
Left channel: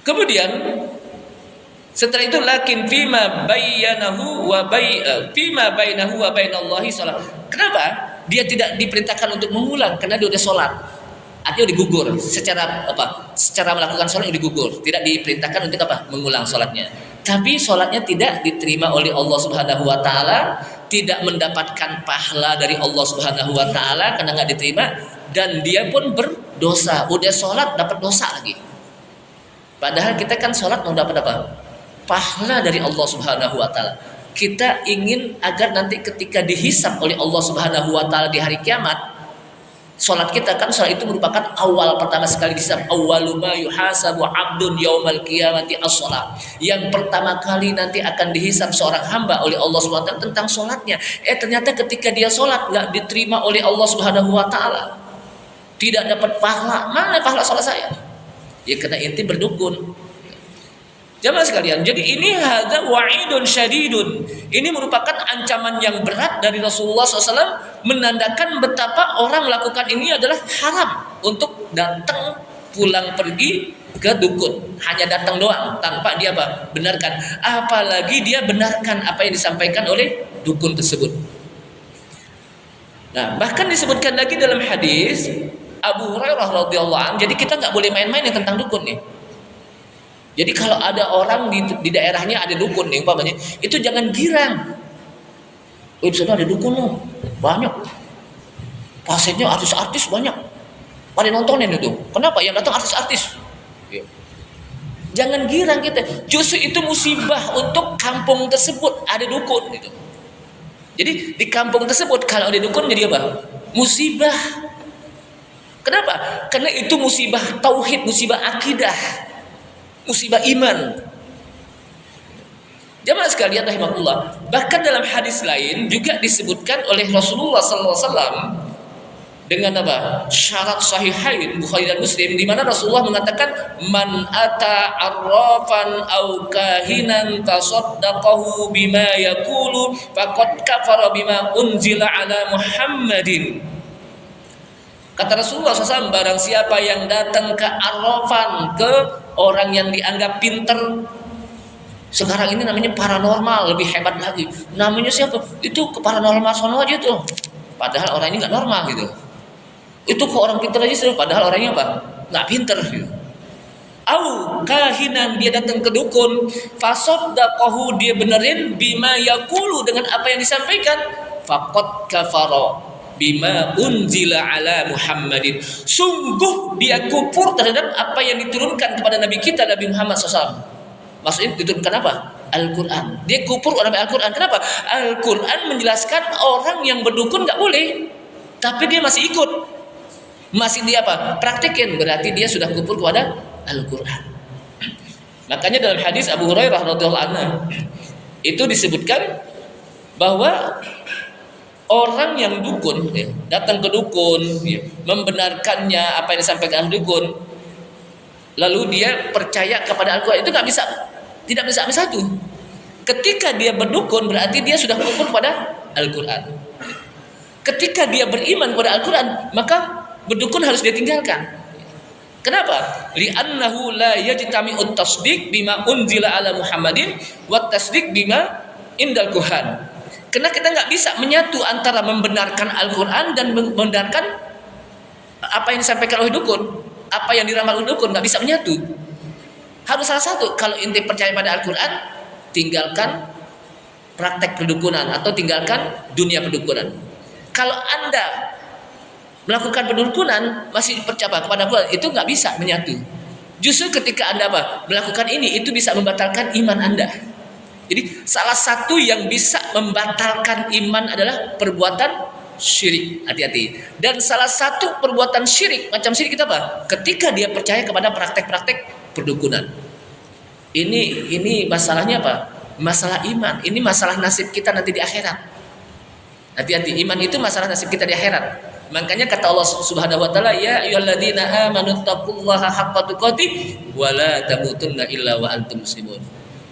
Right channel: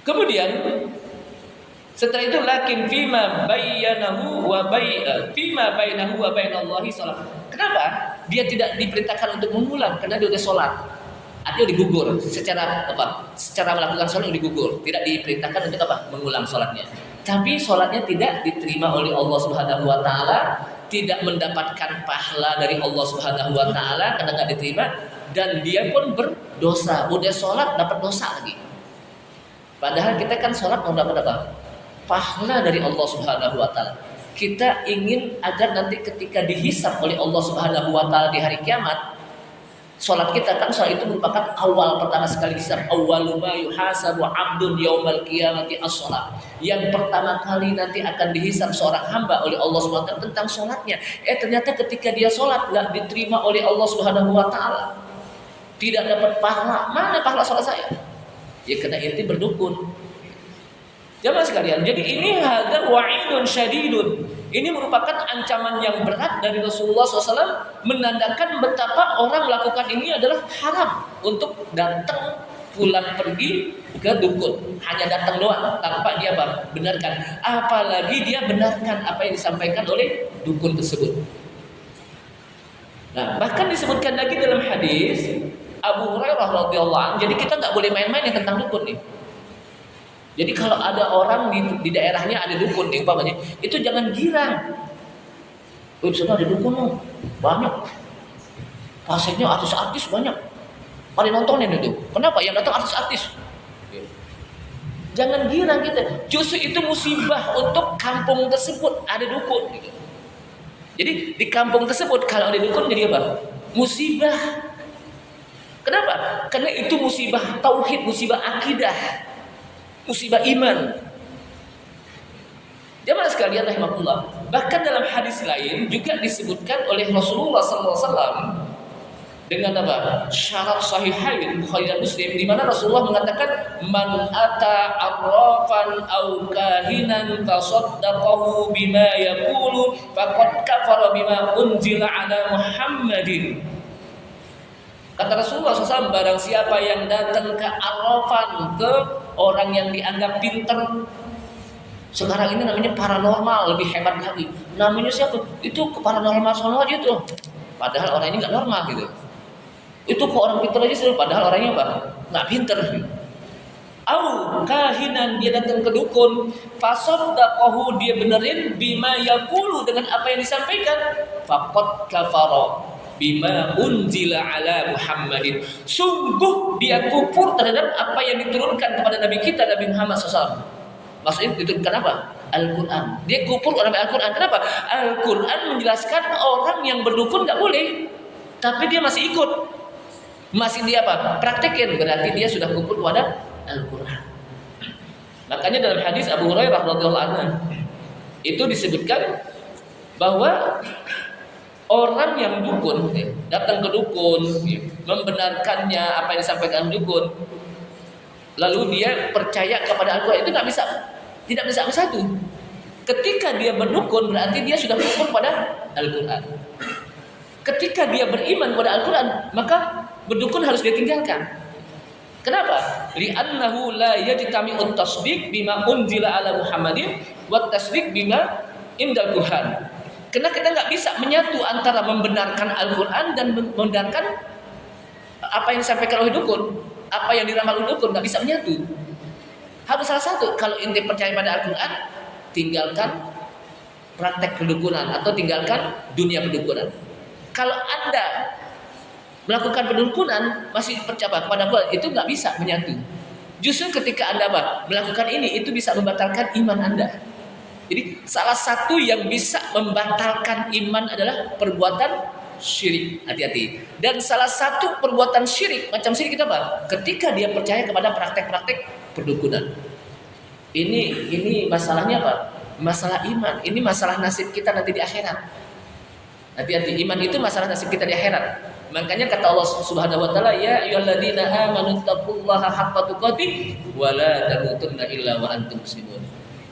Kemudian setelah itu lakin fima bainahu wa bainallahi salat. Kenapa? Dia tidak diperintahkan untuk mengulang karena dia udah sholat. Artinya udah gugur secara apa? Secara melakukan sholat udah gugur. Tidak diperintahkan untuk apa? Mengulang sholatnya. Tapi sholatnya tidak diterima oleh Allah Subhanahu wa taala, tidak mendapatkan pahala dari Allah Subhanahu wa taala karena enggak diterima, dan dia pun berdosa. Udah sholat dapat dosa lagi. Padahal kita kan sholat mau dapat apa? Pahala dari Allah Subhanahu wa taala. Kita ingin agar nanti ketika dihisab oleh Allah Subhanahu wa taala di hari kiamat, sholat kita kan, sholat itu merupakan awal pertama sekali dihisab. Awwalu ma yuhasabu 'abdun yaumal qiyamati as-shalah. Yang pertama kali nanti akan dihisab seorang hamba oleh Allah Subhanahu wa taala tentang sholatnya. Ternyata ketika dia sholat enggak diterima oleh Allah Subhanahu wa taala. Tidak dapat pahala. Mana pahala sholat saya? Ya kena inti berdukun. Jamaah sekalian, jadi ini hadza wa'idun syadidun. Ini merupakan ancaman yang berat dari Rasulullah SAW, menandakan betapa orang melakukan ini adalah haram untuk datang pulang pergi ke dukun. Hanya datang doang tanpa dia benarkan. Apalagi dia benarkan apa yang disampaikan oleh dukun tersebut. Nah, bahkan disebutkan lagi dalam hadis Abu Hurairah radhiyallahu anhu. Jadi kita nggak boleh main-main tentang dukun nih. Jadi kalau ada orang di daerahnya ada dukun nih umpamanya, itu jangan girang. Di sana ada dukun loh, banyak. Pasiennya artis-artis banyak. Pada nontonin itu. Kenapa? Yang datang artis-artis. Jangan girang kita. Justru itu musibah untuk kampung tersebut ada dukun gitu. Jadi di kampung tersebut kalau ada dukun jadi apa? Musibah. Kenapa? Karena itu musibah tauhid, musibah akidah. Musibah iman. Jamaah sekalian rahimakumullah. Bahkan dalam hadis lain juga disebutkan oleh Rasulullah SAW dengan apa? Syarat sahihain Bukhari dan Muslim, di mana Rasulullah mengatakan man ata arrafan au kahinan fasaddaqahu bima yaqulu faqad kafara bima unzila ala Muhammadin. Kata Rasulullah SAW, barang siapa yang datang ke arrafan, ke orang yang dianggap pinter. Sekarang ini namanya paranormal, lebih hebat lagi. Namanya siapa? Itu ke paranormal sono aja tuh. Padahal orang ini nggak normal gitu. Itu ke orang pinter aja sih, padahal orangnya apa? Nggak pinter. Au kahinan, dia datang ke dukun, fasaddaqahu, dia benerin bima yaqulu, dengan apa yang disampaikan, faqad kafara bima unzila ala Muhammadin. Sungguh dia kufur terhadap apa yang diturunkan kepada Nabi kita, Nabi Muhammad SAW. Maksudnya diturunkan apa? Al-Quran. Dia kufur oleh Al-Quran. Kenapa? Al-Quran menjelaskan orang yang berdukun gak boleh, tapi dia masih ikut, masih dia apa? Praktekin. Berarti dia sudah kufur kepada Al-Quran. Makanya dalam hadis Abu Hurairah radhiyallahu anhu itu disebutkan bahwa orang yang dukun datang ke dukun, membenarkannya apa yang disampaikan dukun, lalu dia percaya kepada Al-Quran, itu tidak bisa bersatu. Ketika dia berdukun berarti dia sudah kufur kepada Al-Quran. Ketika dia beriman kepada Al-Quran, maka berdukun harus dia tinggalkan. Kenapa? Li'annahu la yajtami'ut tasdiq bima unzila ala Muhammadin wa tasdiq bima indal kuhan. Karena kita nggak bisa menyatu antara membenarkan Al-Quran dan membenarkan apa yang disampaikan oleh dukun, apa yang diramal oleh dukun, nggak bisa menyatu. Harus salah satu. Kalau inti percaya pada Al-Quran, tinggalkan praktek perdukunan atau tinggalkan dunia perdukunan. Kalau Anda melakukan perdukunan masih percaya kepada Al-Quran, itu nggak bisa menyatu. Justru ketika Anda melakukan ini, itu bisa membatalkan iman Anda. Jadi salah satu yang bisa membatalkan iman adalah perbuatan syirik. Hati-hati. Dan salah satu perbuatan syirik, macam syirik kita ketika dia percaya kepada praktek-praktek perdukunan. Ini masalahnya masalah iman. Ini masalah nasib kita nanti di akhirat. Hati-hati, iman itu masalah nasib kita di akhirat. Makanya kata Allah Subhanahu wa taala, ya ayyuhalladzina amanu taqullaha haqqa tuqatih wa la tamutunna illa wa antum muslimun.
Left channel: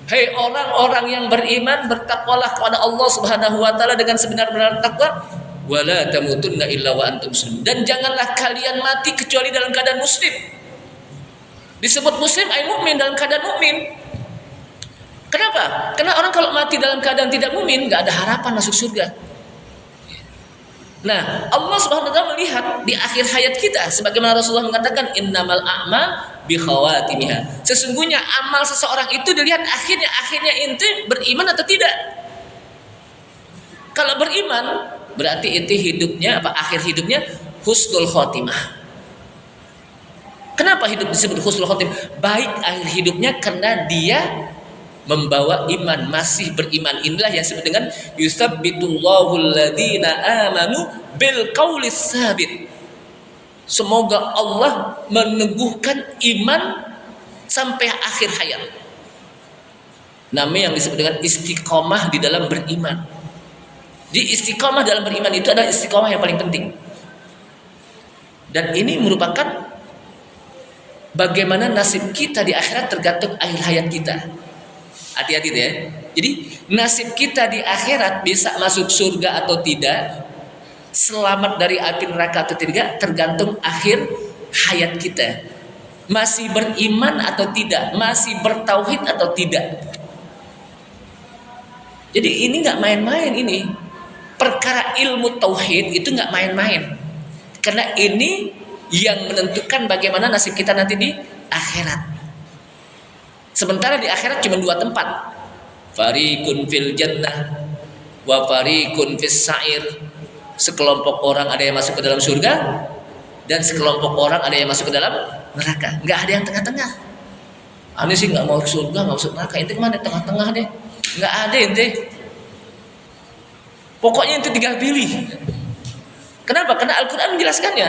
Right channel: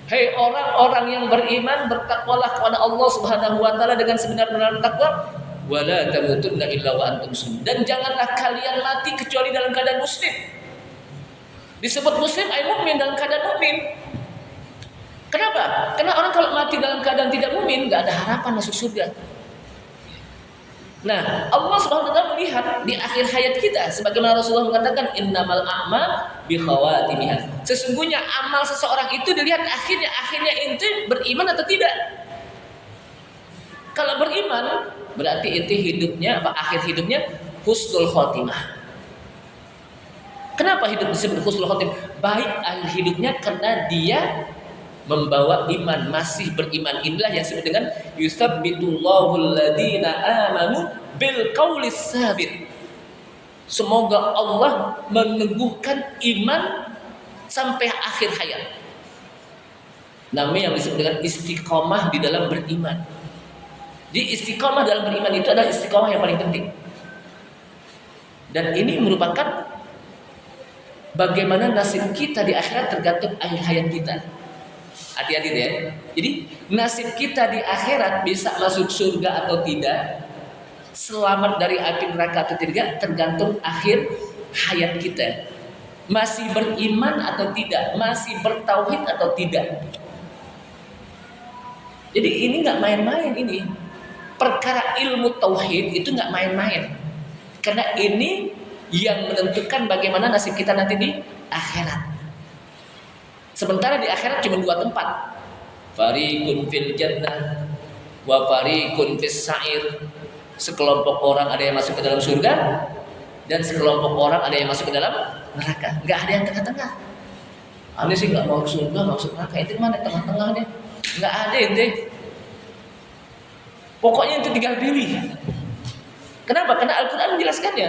Hai orang-orang yang beriman, bertakwalah kepada Allah Subhanahu wa taala dengan sebenar-benar takwa, wa la tamutunna illa wa antum muslimun. Dan janganlah kalian mati kecuali dalam keadaan muslim. Disebut muslim ay mukmin, dalam keadaan mukmin. Kenapa? Karena orang kalau mati dalam keadaan tidak mukmin, enggak ada harapan masuk surga. Nah, Allah Subhanahu wa taala melihat di akhir hayat kita, sebagaimana Rasulullah mengatakan innamal a'mal bi khawatimiha. Sesungguhnya amal seseorang itu dilihat akhirnya ente beriman atau tidak. Kalau beriman, berarti itu hidupnya akhir hidupnya husnul khotimah. Kenapa hidup disebut husnul khotimah? Baik akhir hidupnya karena dia membawa iman, masih beriman. Inilah yang disebut dengan yusabbitullahu alladhina amanu bil qaulis sabit. Semoga Allah meneguhkan iman sampai akhir hayat. Namanya yang disebut dengan istiqomah di dalam beriman. Di istiqomah dalam beriman itu adalah istiqomah yang paling penting. Dan ini merupakan bagaimana nasib kita di akhirat tergantung akhir hayat kita. Hati-hati deh. Jadi nasib kita di akhirat bisa masuk surga atau tidak, selamat dari api neraka atau tidak, tergantung akhir hayat kita. Masih beriman atau tidak, masih bertauhid atau tidak. Jadi ini nggak main-main ini. Perkara ilmu tauhid itu nggak main-main. Karena ini yang menentukan bagaimana nasib kita nanti di akhirat. Sementara di akhirat cuma dua tempat. Fariqun fil jannah wa fariqun fis sa'ir. Sekelompok orang ada yang masuk ke dalam surga dan sekelompok orang ada yang masuk ke dalam neraka. Enggak ada yang tengah-tengah. Ane sih enggak mau ke surga, enggak masuk neraka. Itu mana tengah-tengah deh? Enggak ada ente. Pokoknya itu tinggal pilih. Kenapa? Karena Al-Qur'an menjelaskannya.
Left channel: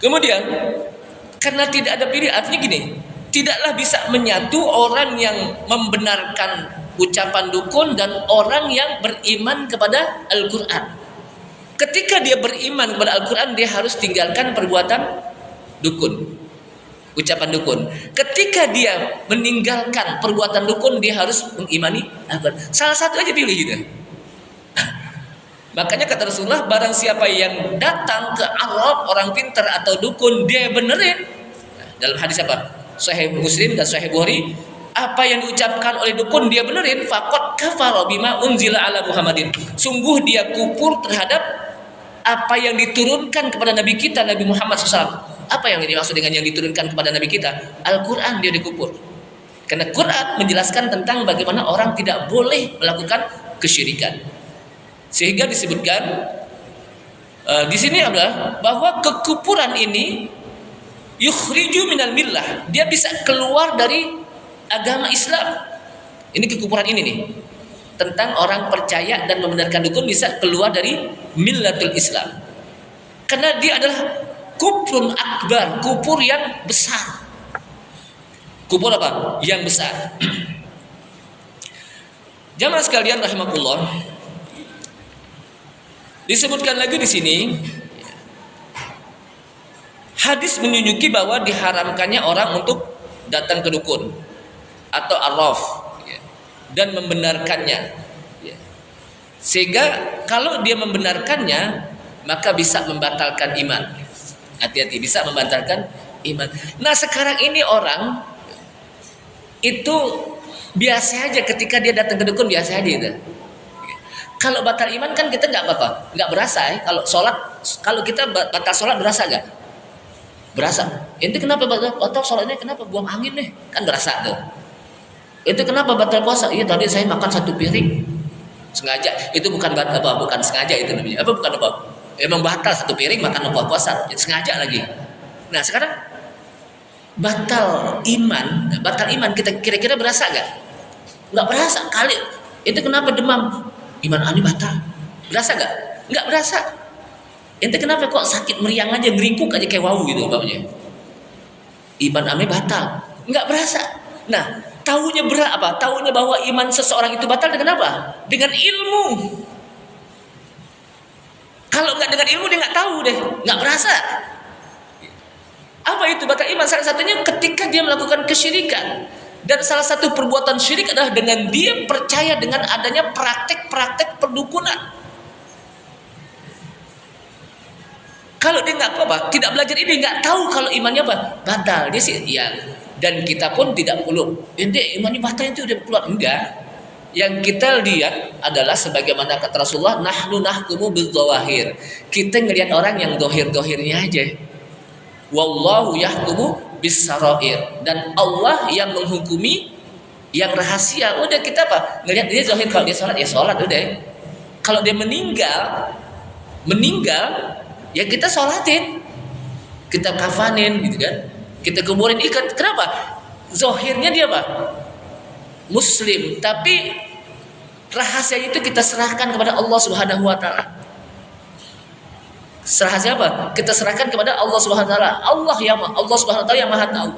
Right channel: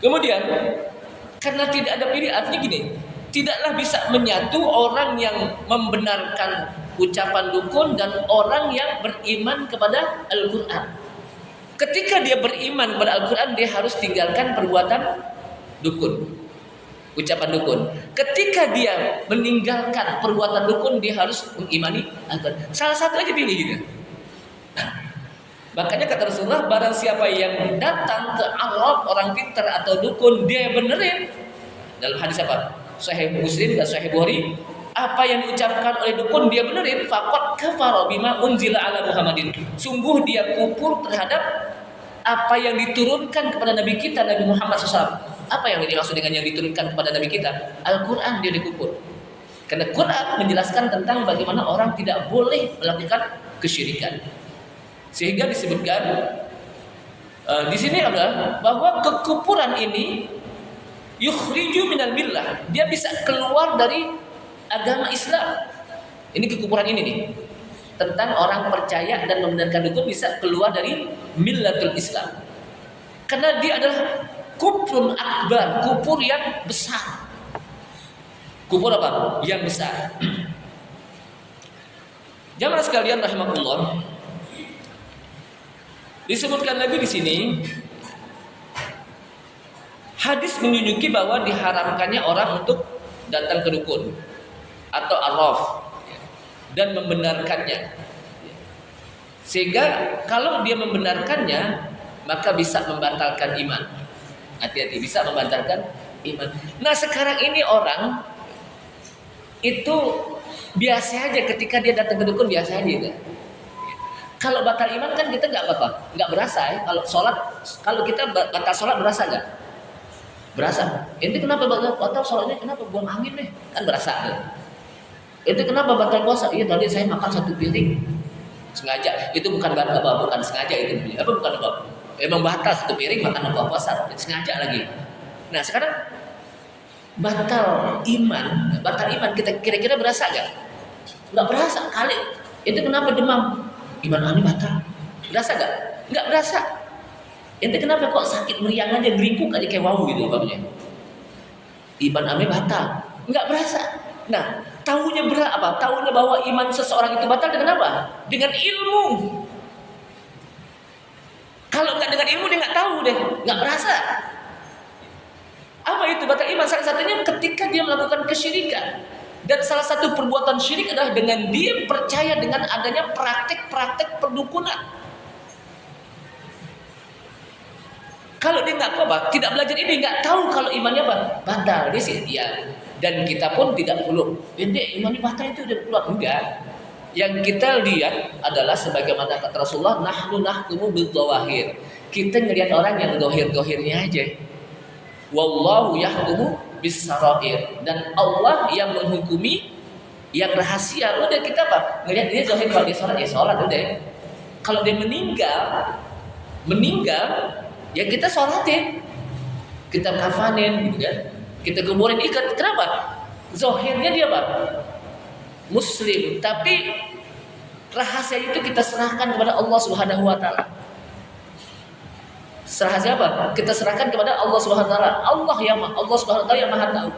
Kemudian karena tidak ada pilih, artinya gini, tidaklah bisa menyatu orang yang membenarkan ucapan dukun dan orang yang beriman kepada Al-Quran. Ketika dia beriman kepada Al-Quran, dia harus tinggalkan perbuatan dukun, ucapan dukun. Ketika dia meninggalkan perbuatan dukun, dia harus mengimani Al-Quran. Salah satu aja pilih gitu. Makanya kata Rasulullah, barang siapa yang datang ke Arab, orang pintar atau dukun, dia benerin. Dalam hadis apa? Sahih Muslim dan Sahih Bukhari, apa yang diucapkan oleh dukun dia benerin, faqad kafara bima unzila ala Muhammadin. Sungguh dia kufur terhadap apa yang diturunkan kepada Nabi kita, Nabi Muhammad SAW. Apa yang dimaksud dengan yang diturunkan kepada Nabi kita? Al-Quran dia dikufur. Karena Quran menjelaskan tentang bagaimana orang tidak boleh melakukan kesyirikan. Sehingga disebutkan di sini adalah bahwa kekufuran ini yukhriju minal millah, dia bisa keluar dari agama Islam. Ini kekufuran ini nih, tentang orang percaya dan membenarkan dukun bisa keluar dari millatul Islam. Karena dia adalah kufrun akbar, kufur yang besar. Kufur apa? Yang besar. Jamaah sekalian rahimakumullah, disebutkan lagi di sini hadis menunjuki bahwa diharamkannya orang untuk datang ke dukun atau arraf dan membenarkannya. Sehingga kalau dia membenarkannya, maka bisa membatalkan iman. Hati-hati, bisa membatalkan iman. Nah sekarang ini orang itu biasa aja ketika dia datang ke dukun, biasa aja gitu. Kalau batal iman kan kita nggak apa-apa, nggak berasa ya. Kalau sholat, kalau kita batal sholat berasa nggak? Berasa. Itu kenapa batal sholatnya? Kenapa buang angin nih? Kan berasa tuh. Itu kenapa batal puasa? Iya tadi saya makan 1 piring sengaja. Itu bukan batal apa? Bukan sengaja itu namanya. Apa bukan apa? Emang batal 1 piring makan apa puasa? Itu sengaja lagi. Nah sekarang batal iman. Nah, batal iman kita kira-kira berasa gak? Nggak berasa kali. Itu kenapa demam? Iman aneh batal. Berasa gak? Nggak berasa. Itu kenapa kok sakit meriang aja, ngerikuk aja kayak wow gitu umpamanya. Iman aneh batal. Nggak berasa. Nah, tahunya berapa? Tahunya bahwa iman seseorang itu batal dengan apa? Dengan ilmu. Kalau nggak dengan ilmu dia nggak tahu deh, nggak berasa. Apa itu batal iman? Salah satunya ketika dia melakukan kesyirikan. Dan salah satu perbuatan syirik adalah dengan dia percaya dengan adanya praktek-praktek perdukunan. Kalau dia nggak apa, tidak belajar ini, nggak tahu kalau imannya apa, batal. Dia sih, ya. Dan kita pun tidak perlu. Jadi imannya batal itu udah keluar, enggak. Yang kita lihat adalah sebagaimana kata Rasulullah, nahnu nahkumu bidzawahir. Kita ngelihat orang yang dohir-dohirnya aja. Wallahu yahkumu bisarair, dan Allah yang menghukumi yang rahasia. Udah kita apa? Ngelihat dia zahir, kalau dia sholat ya sholat udah. Kalau dia meninggal ya kita sholatin, kita kafanin gitu kan, kita kuburin, ikat. Kenapa? Zahirnya dia apa? Muslim, tapi rahasia itu kita serahkan kepada Allah Subhanahu wa taala. Rahasia apa? Kita serahkan kepada Allah Subhanahu wa taala. Allah Subhanahu wa taala yang Maha tahu.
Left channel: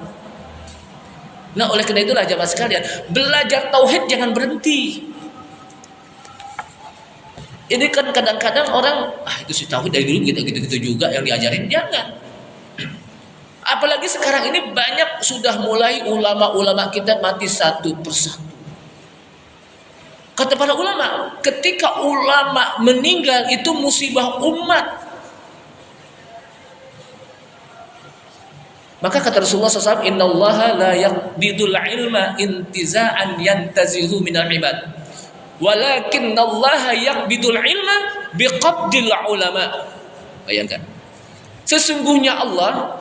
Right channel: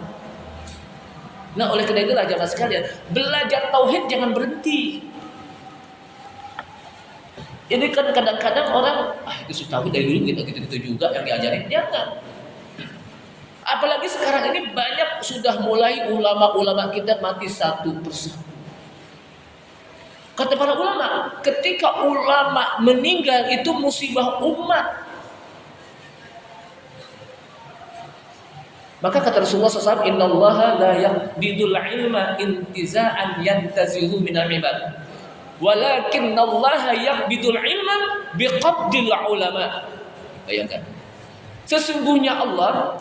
Nah, oleh karena itulah jemaah sekalian, belajar tauhid jangan berhenti. Ini kan kadang-kadang orang, itu si tauhid dari dulu gitu-gitu juga yang diajarin, jangan. Apalagi sekarang ini banyak sudah mulai ulama-ulama kita mati satu persatu. Kata para ulama, ketika ulama meninggal itu musibah umat. Maka kata Rasulullah SAW, innallaha la yaqbidul ilma intiza'an yantazihu minal ibad, walakinnallaha yaqbidul ilma biqabdil ulama. Bayangkan, sesungguhnya Allah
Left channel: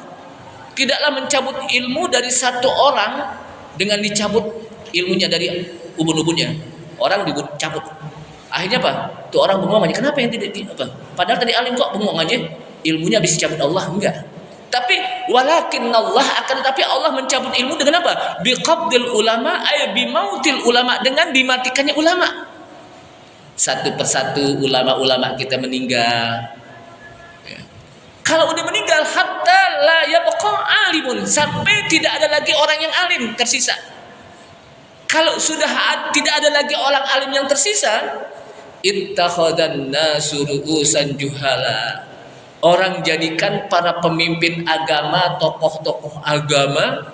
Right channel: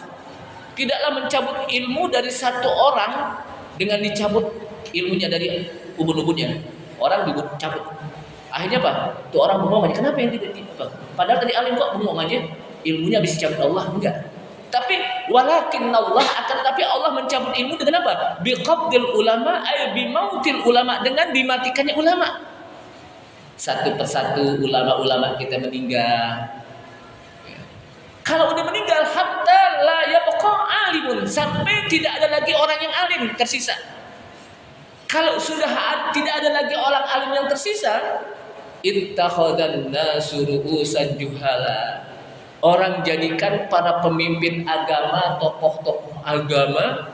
tidaklah mencabut ilmu dari satu orang dengan dicabut ilmunya dari ubun-ubunnya. Orang dicabut, akhirnya apa? Tuh orang bengong aja. Kenapa yang tidak apa? Padahal tadi alim kok bengong aja, ilmunya bisa dicabut Allah? Enggak. Tapi walakin Allah, akan tetapi Allah mencabut ilmu dengan apa? Biqabdil ulama, ay bimautil ulama, dengan dimatikannya ulama. Satu persatu ulama-ulama kita meninggal. Kalau udah meninggal, hatta la yabqa alimun, sampai tidak ada lagi orang yang alim tersisa. Kalau sudah tidak ada lagi orang alim yang tersisa, ittakhadhan nasu ru'usan juhala. Orang jadikan para pemimpin agama, tokoh-tokoh agama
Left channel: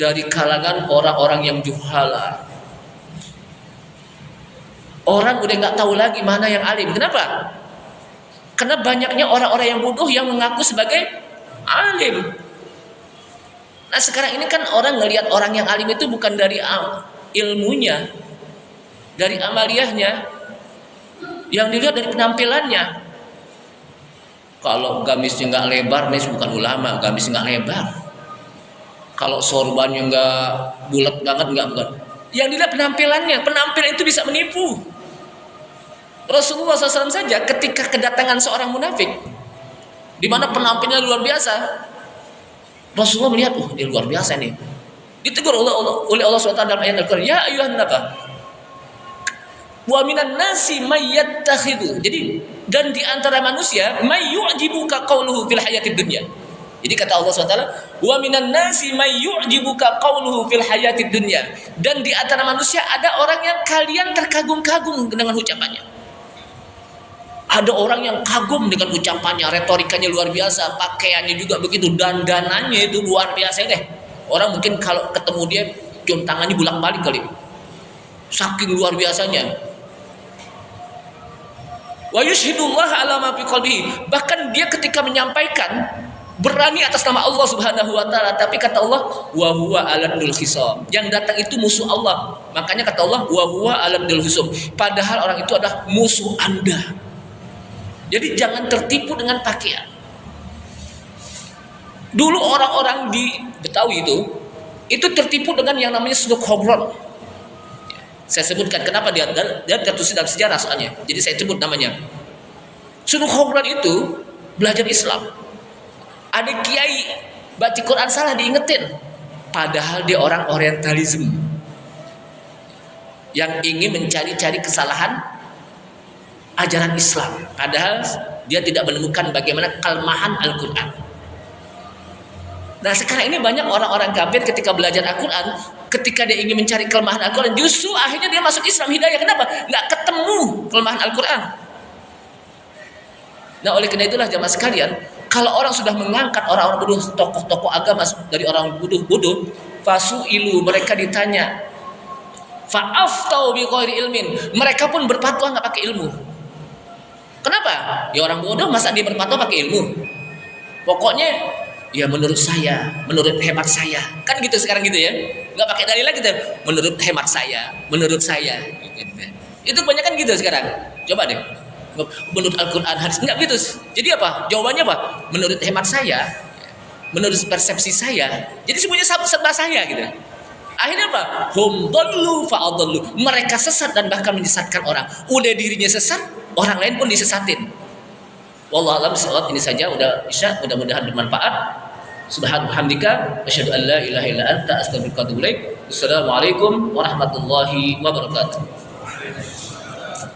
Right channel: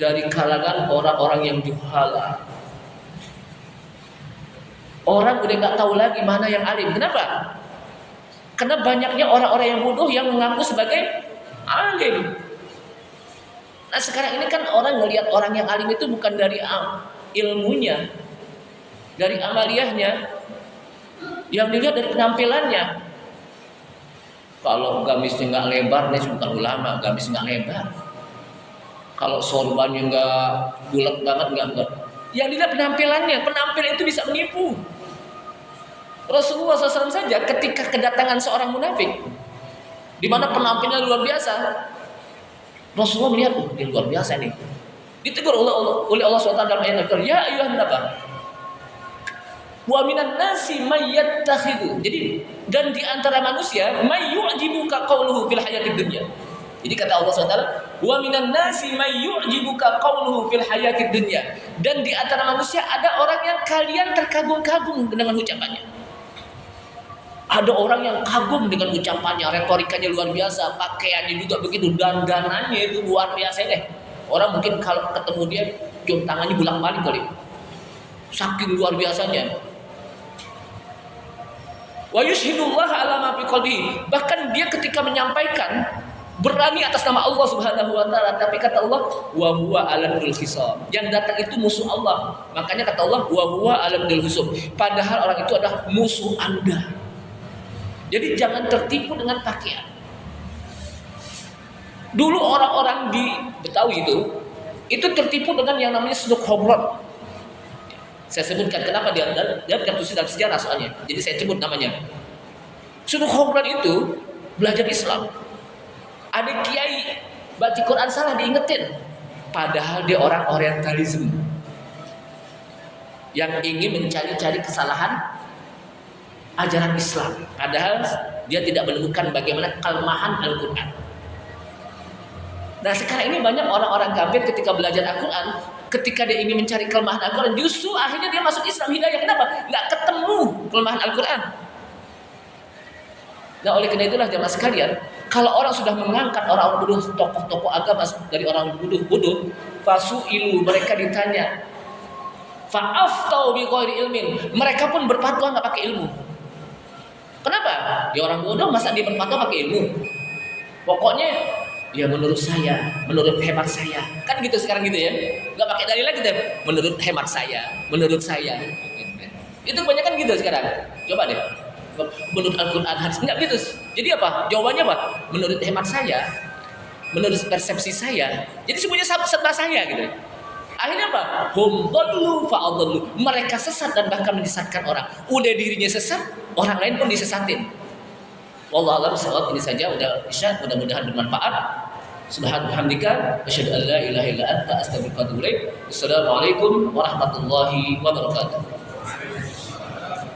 dari kalangan orang-orang yang juhala. Orang udah nggak tahu lagi mana yang alim. Kenapa? Karena banyaknya orang-orang yang bodoh yang mengaku sebagai alim. Nah, sekarang ini kan orang ngelihat orang yang alim itu bukan dari ilmunya, dari amaliyahnya, yang dilihat dari penampilannya. Kalau gamisnya nggak lebar, nih bukan ulama. Gamis nggak lebar. Kalau sorbannya nggak bulat banget, nggak bukan. Yang dilihat penampilannya. Penampilan itu bisa menipu. Rasulullah SAW saja ketika kedatangan seorang munafik, di mana penampilannya luar biasa, Rasulullah melihat, dia luar biasa nih. Ditegur oleh Allah SWT dalam ayat Al-Quran, ya ayyuhan nabi, wa minan nasi may yattakhidhu. Jadi, dan di antara manusia may yu'jibuka qawluhu fil hayatid dunya. Jadi kata Allah SWT, wa minan nasi may yu'jibuka qawluhu fil hayatid dunya. Dan di antara manusia ada orang yang kalian terkagum-kagum dengan ucapannya. Ada orang yang kagum dengan ucapannya, retorikanya luar biasa, pakaiannya juga begitu, dandanannya itu luar biasa deh. Orang mungkin kalau ketemu dia cium tangannya bolak-balik kali. Saking luar biasanya. Wa yushhidullah ala ma fi qalbihi. Bahkan dia ketika menyampaikan berani atas nama Allah Subhanahu wa taala, tapi kata Allah, wa huwa aladul khisam. Yang datang itu musuh Allah. Makanya kata Allah, wa huwa aladul khisam. Padahal orang itu adalah musuh Anda. Jadi jangan tertipu dengan pakaian. Dulu orang-orang di Betawi itu tertipu dengan yang namanya suluk khobron. Saya sebutkan kenapa dia tertulis dalam sejarah soalnya. Jadi saya sebut namanya. Suluk khobron itu belajar Islam. Ada kiai baca Quran salah diingetin. padahal dia orang orientalisme yang ingin mencari-cari kesalahan ajaran Islam, padahal dia tidak menemukan bagaimana kelemahan Al-Quran. Nah sekarang ini banyak orang-orang kafir ketika belajar Al-Quran, ketika dia ingin mencari kelemahan Al-Quran, justru akhirnya dia masuk Islam hidayah. Kenapa? Nggak ketemu kelemahan Al-Quran. Nah oleh karena itulah jamaah sekalian, kalau orang sudah mengangkat orang-orang bodoh, tokoh-tokoh agama dari orang bodoh, fasu'ilu, mereka ditanya, fa'aftau bi ghairi ilmin, mereka pun berfatwa nggak pakai ilmu. Kenapa? Ya orang bodoh masa dia berfatwa pakai ilmu? Pokoknya ya menurut saya, menurut hemat saya, kan gitu sekarang gitu ya, nggak pakai dalil lagi gitu. Menurut hemat saya, menurut saya, gitu. Itu banyak kan gitu sekarang. Coba deh, menurut Al-Quran hadis nggak gitu. Jadi apa? Jawabannya apa? Menurut hemat saya, menurut persepsi saya. Jadi semuanya serba saya gitu. Akhirnya apa? Hum dhallu fa'adhallu. Mereka sesat dan bahkan menyesatkan orang. Udah dirinya sesat, orang lain pun disesatin. Wallahu a'lam bishawab. Ini saja udah Isya, mudah-mudahan bermanfaat. Subhanallah, asyhadu an la ilaha illa anta, astaghfiruka wa atubu ilaik. Wassalamualaikum warahmatullahi wabarakatuh.